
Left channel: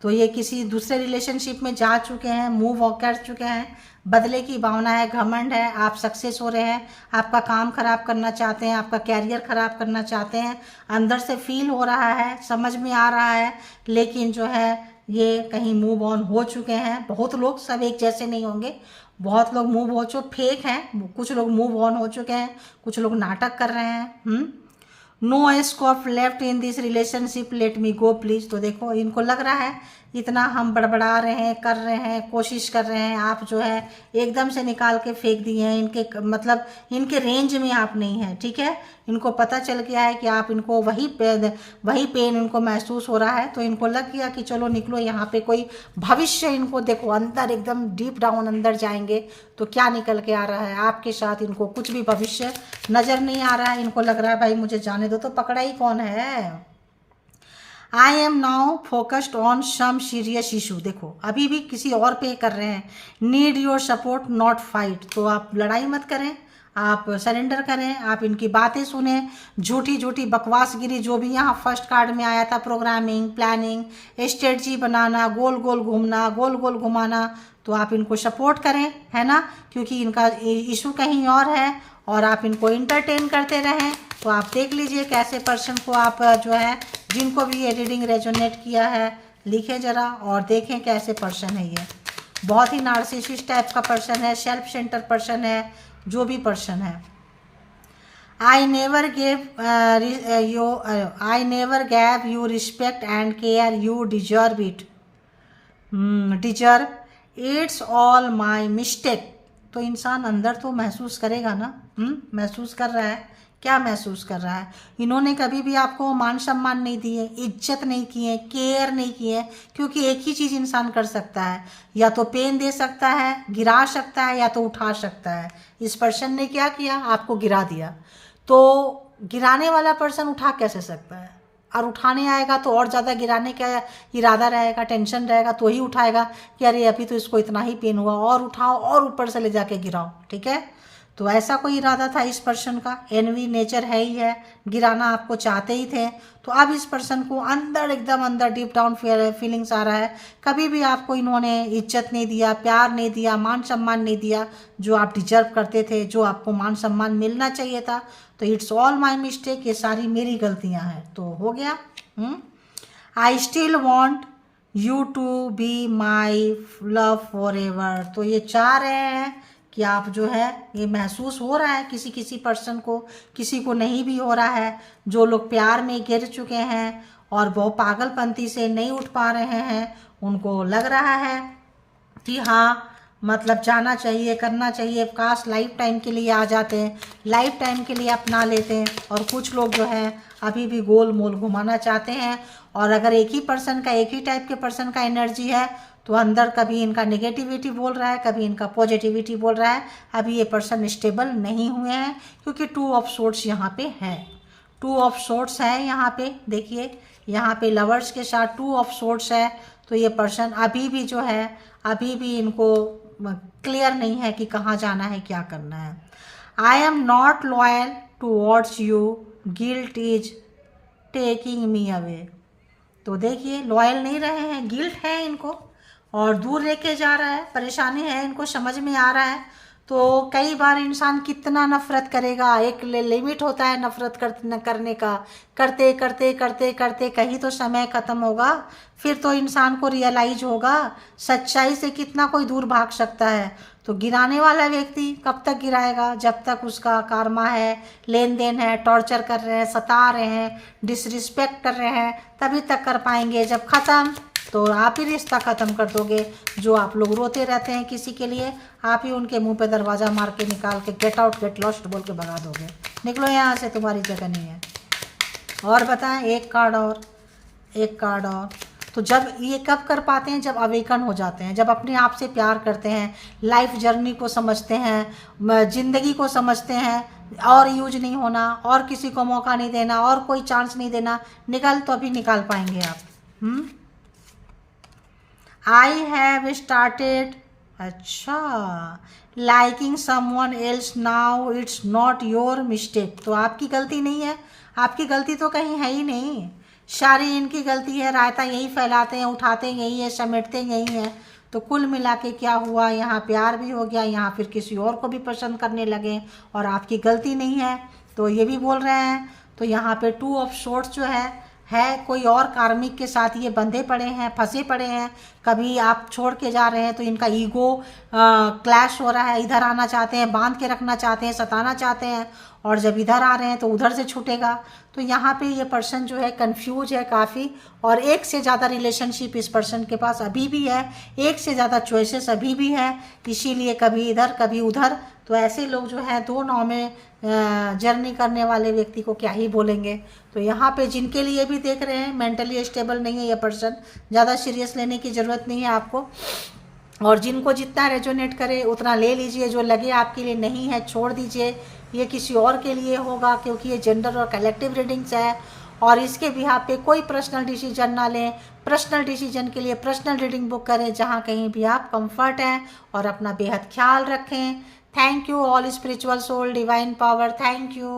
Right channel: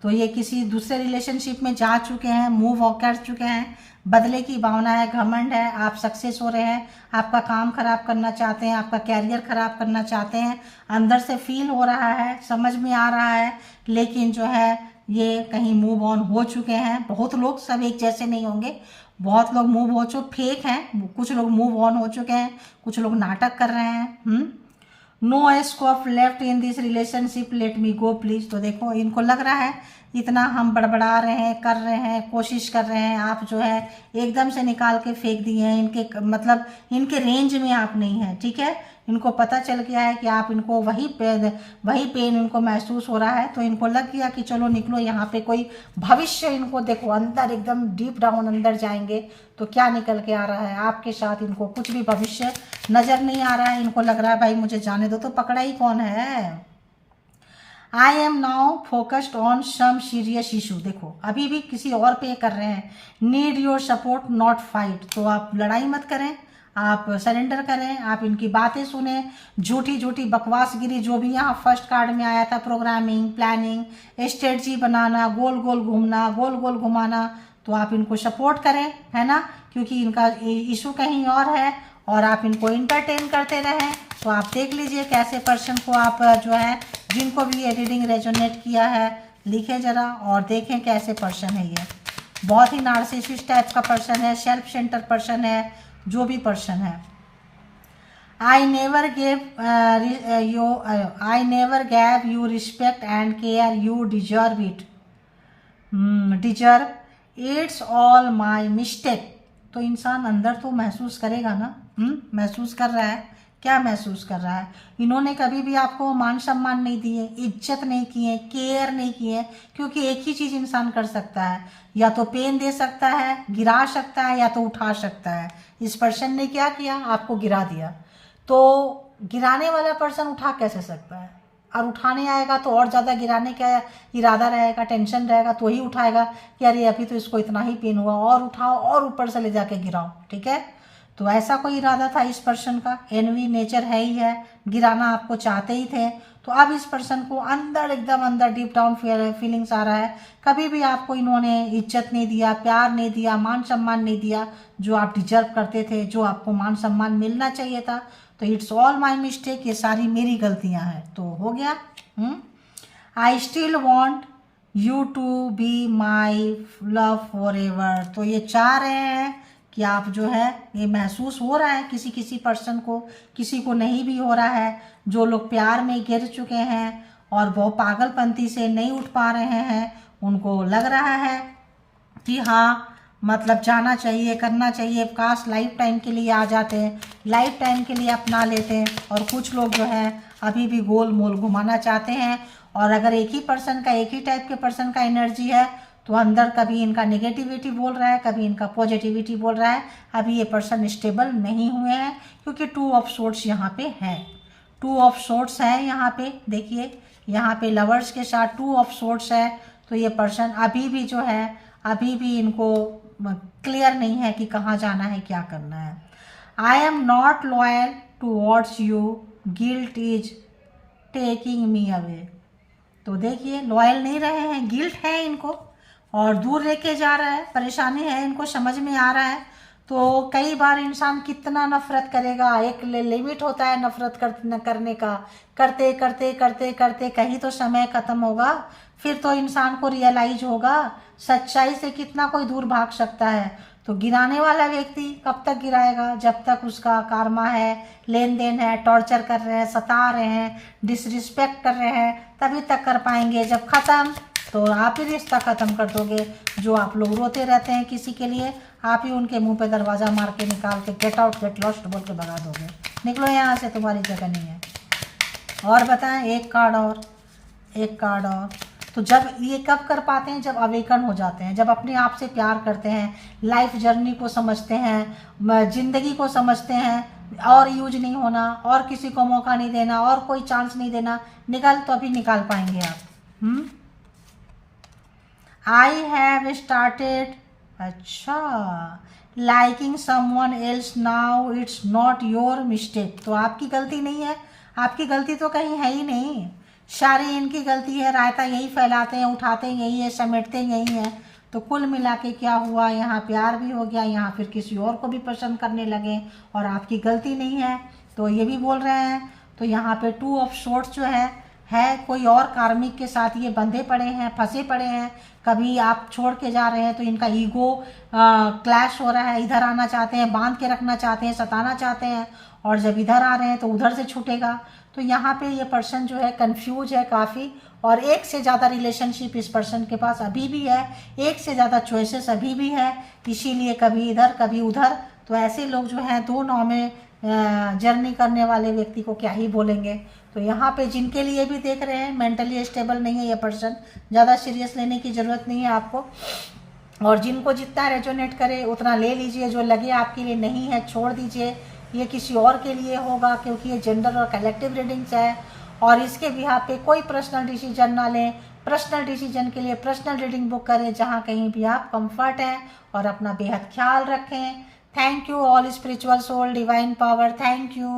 तो ये किसी दूसरे रिलेशनशिप में जा चुके हैं, मूव कर चुके हैं, बदले की भावना है, घमंड है, आप सक्सेस हो रहे हैं, आपका काम खराब करना चाहते हैं, आपका कैरियर खराब करना चाहते हैं, अंदर से फील हो रहा है, समझ में आ रहा है, लेकिन जो है ये कहीं मूव ऑन हो चुके हैं। बहुत लोग, सब एक जैसे नहीं होंगे, बहुत लोग मूव हो चुके, फेक हैं, कुछ लोग मूव ऑन हो चुके हैं, कुछ लोग नाटक कर रहे हैं। No scope left in this relationship, let me go please. तो देखो इनको लग रहा है इतना हम बड़बड़ा रहे हैं, कर रहे हैं, कोशिश कर रहे हैं, आप जो है एकदम से निकाल के फेंक दिए हैं। इनके मतलब इनके रेंज में आप नहीं है, ठीक है। इनको पता चल गया है कि आप इनको वही पेन इनको महसूस हो रहा है, तो इनको लग गया कि चलो निकलो यहाँ पे कोई भविष्य, इनको देखो अंदर एकदम डीप डाउन अंदर जाएंगे तो क्या निकल के आ रहा है आपके साथ। इनको कुछ भी भविष्य नज़र नहीं आ रहा है, इनको लग रहा है भाई मुझे जाने दो, तो पकड़ा ही कौन है। I am now focused on some serious issue, देखो अभी भी किसी और पे कर रहे हैं। Need your support not fight, तो आप लड़ाई मत करें, आप सरेंडर करें, आप इनकी बातें सुने। झूठी झूठी बकवासगिरी जो भी यहाँ फर्स्ट कार्ड में आया था, प्रोग्रामिंग, प्लानिंग, स्ट्रेटजी बनाना, गोल गोल घूमना, गोल गोल घुमाना, तो आप इनको सपोर्ट करें, है ना, क्योंकि इनका इशू कहीं और है और आप इनको इंटरटेन करते रहें। तो आप देख लीजिए कैसे पर्सन को आप जो है, जिनको भी ये रीडिंग रेजोनेट किया है, लिखें ज़रा और देखें कैसे पर्सन है ये। बहुत ही नार्सिसिस्ट टाइप का पर्सन है, सेल्फ सेंटर पर्सन है, जो भी पर्सन है। I never gave you respect and care, you deserve it, deserve it's all my mistake. तो इंसान अंदर तो महसूस करेगा ना, महसूस कर रहा है, क्या महसूस कर रहा है। इन्होंने कभी भी आपको मान सम्मान नहीं दिए, इज्जत नहीं किए, केयर नहीं किए, क्योंकि एक ही चीज़ इंसान कर सकता है, या तो पेन दे सकता है, गिरा सकता है, या तो उठा सकता है। इस पर्सन ने क्या किया, आपको गिरा दिया, तो गिराने वाला पर्सन उठा कैसे सकता है, और उठाने आएगा तो और ज़्यादा गिराने का इरादा रहेगा, टेंशन रहेगा, तो ही उठाएगा कि अरे अभी तो इसको इतना ही पेन हुआ, और उठाओ और ऊपर से ले जाके गिराओ, ठीक है। तो ऐसा कोई इरादा था इस पर्सन का, एनवी नेचर है ही है, गिराना आपको चाहते ही थे। तो अब इस पर्सन को अंदर एकदम अंदर डीप डाउन फीलिंग्स आ रहा है, कभी भी आपको इन्होंने इज्जत नहीं दिया, प्यार नहीं दिया, मान सम्मान नहीं दिया, जो आप डिजर्व करते थे, जो आपको मान सम्मान मिलना चाहिए था। तो इट्स ऑल माई मिस्टेक, ये सारी मेरी गलतियां हैं। तो हो गया। I still want you to be my love forever, तो ये चाह रहे हैं कि आप जो है, ये महसूस हो रहा है किसी किसी पर्सन को, किसी को नहीं भी हो रहा है। जो लोग प्यार में गिर चुके हैं और वो पागलपंती से नहीं उठ पा रहे हैं, उनको लग रहा है कि हाँ मतलब जाना चाहिए, करना चाहिए, काश लाइफ टाइम के लिए आ जाते हैं, लाइफ टाइम के लिए अपना लेते हैं। और कुछ लोग जो है अभी भी गोल मोल घुमाना चाहते हैं। और अगर एक ही पर्सन का, एक ही टाइप के पर्सन का एनर्जी है, तो अंदर कभी इनका नेगेटिविटी बोल रहा है, कभी इनका पॉजिटिविटी बोल रहा है। अभी ये पर्सन स्टेबल नहीं हुए हैं, क्योंकि 2 ऑफ सोर्ट्स यहाँ पे है, 2 ऑफ सोर्ट्स है यहाँ पे। देखिए यहाँ पे लवर्स के साथ 2 ऑफ सोर्ट्स है, तो ये पर्सन अभी भी जो है, अभी भी इनको क्लियर नहीं है कि कहाँ जाना है, क्या करना है। I am not loyal towards you, guilt is taking me away. तो देखिए लॉयल नहीं रहे हैं, गिल्ट है इनको और दूर लेके जा रहा है, परेशानी है इनको, समझ में आ रहा है। तो कई बार इंसान कितना नफरत करेगा, एक लिमिट होता है नफरत करने का, करते करते करते करते कहीं तो समय ख़त्म होगा, फिर तो इंसान को रियलाइज होगा सच्चाई से कितना कोई दूर भाग सकता है। तो गिराने वाला व्यक्ति कब तक गिराएगा, जब तक उसका कार्मा है, लेन देन है, टॉर्चर कर रहे हैं, सता रहे हैं, डिसरिस्पेक्ट कर रहे हैं, तभी तक कर पाएंगे। जब ख़त्म तो आप ही रिश्ता ख़त्म कर दोगे। जो आप लोग रोते रहते हैं किसी के लिए, आप ही उनके मुंह पे दरवाज़ा मार के निकाल के गेट आउट गेट लॉस्ट बोल के भगा दोगे, निकलो यहाँ से, तुम्हारी जगह नहीं है। और बताएं, एक कार्ड और, एक कार्ड और। तो जब ये कब कर पाते हैं, जब अवेकन हो जाते हैं, जब अपने आप से प्यार करते हैं, लाइफ जर्नी को समझते हैं, ज़िंदगी को समझते हैं, और यूज नहीं होना, और किसी को मौका नहीं देना, और कोई चांस नहीं देना, निकाल तो अभी निकाल पाएंगे आप। आई हैव स्टार्टेड, अच्छा, liking someone else now, it's not your mistake. तो आपकी गलती नहीं है, आपकी गलती तो कहीं है ही नहीं, सारी इनकी गलती है। रायता यही फैलाते हैं, उठाते यही है, समेटते यही हैं। तो कुल मिला के क्या हुआ, यहाँ प्यार भी हो गया, यहाँ फिर किसी और को भी पसंद करने लगे, और आपकी गलती नहीं है, तो ये भी बोल रहे हैं। तो यहाँ पे 2 ऑफ सोर्ट्स जो है कोई और कार्मिक के साथ ये बंधे पड़े हैं, फंसे पड़े हैं। कभी आप छोड़ के जा रहे हैं तो इनका ईगो क्लैश हो रहा है, इधर आना चाहते हैं, बांध के रखना चाहते हैं, सताना चाहते हैं, और जब इधर आ रहे हैं तो उधर से छूटेगा। तो यहाँ पे ये पर्सन जो है कंफ्यूज है काफ़ी, और एक से ज़्यादा रिलेशनशिप इस पर्सन के पास अभी भी है, एक से ज़्यादा चॉइसेस अभी भी है, इसीलिए कभी इधर कभी उधर। तो ऐसे लोग जो हैं दो नाव में जर्नी करने वाले व्यक्ति को क्या ही बोलेंगे। तो यहाँ पे जिनके लिए भी देख रहे हैं मेंटली स्टेबल नहीं है ये पर्सन, ज़्यादा सीरियस लेने की ज़रूरत नहीं है आपको, और जिनको जितना रेजोनेट करे उतना ले लीजिए, जो लगे आपके लिए नहीं है छोड़ दीजिए, ये किसी और के लिए होगा, क्योंकि ये जेंडर और कलेक्टिव रीडिंग्स है। और इसके बिहाफ पे कोई पर्सनल डिसीजन ना लें, पर्सनल डिसीजन के लिए पर्सनल रीडिंग बुक करें जहाँ कहीं भी आप कंफर्ट हैं, और अपना बेहद ख्याल रखें। Thank you all spiritual soul, divine power, thank you.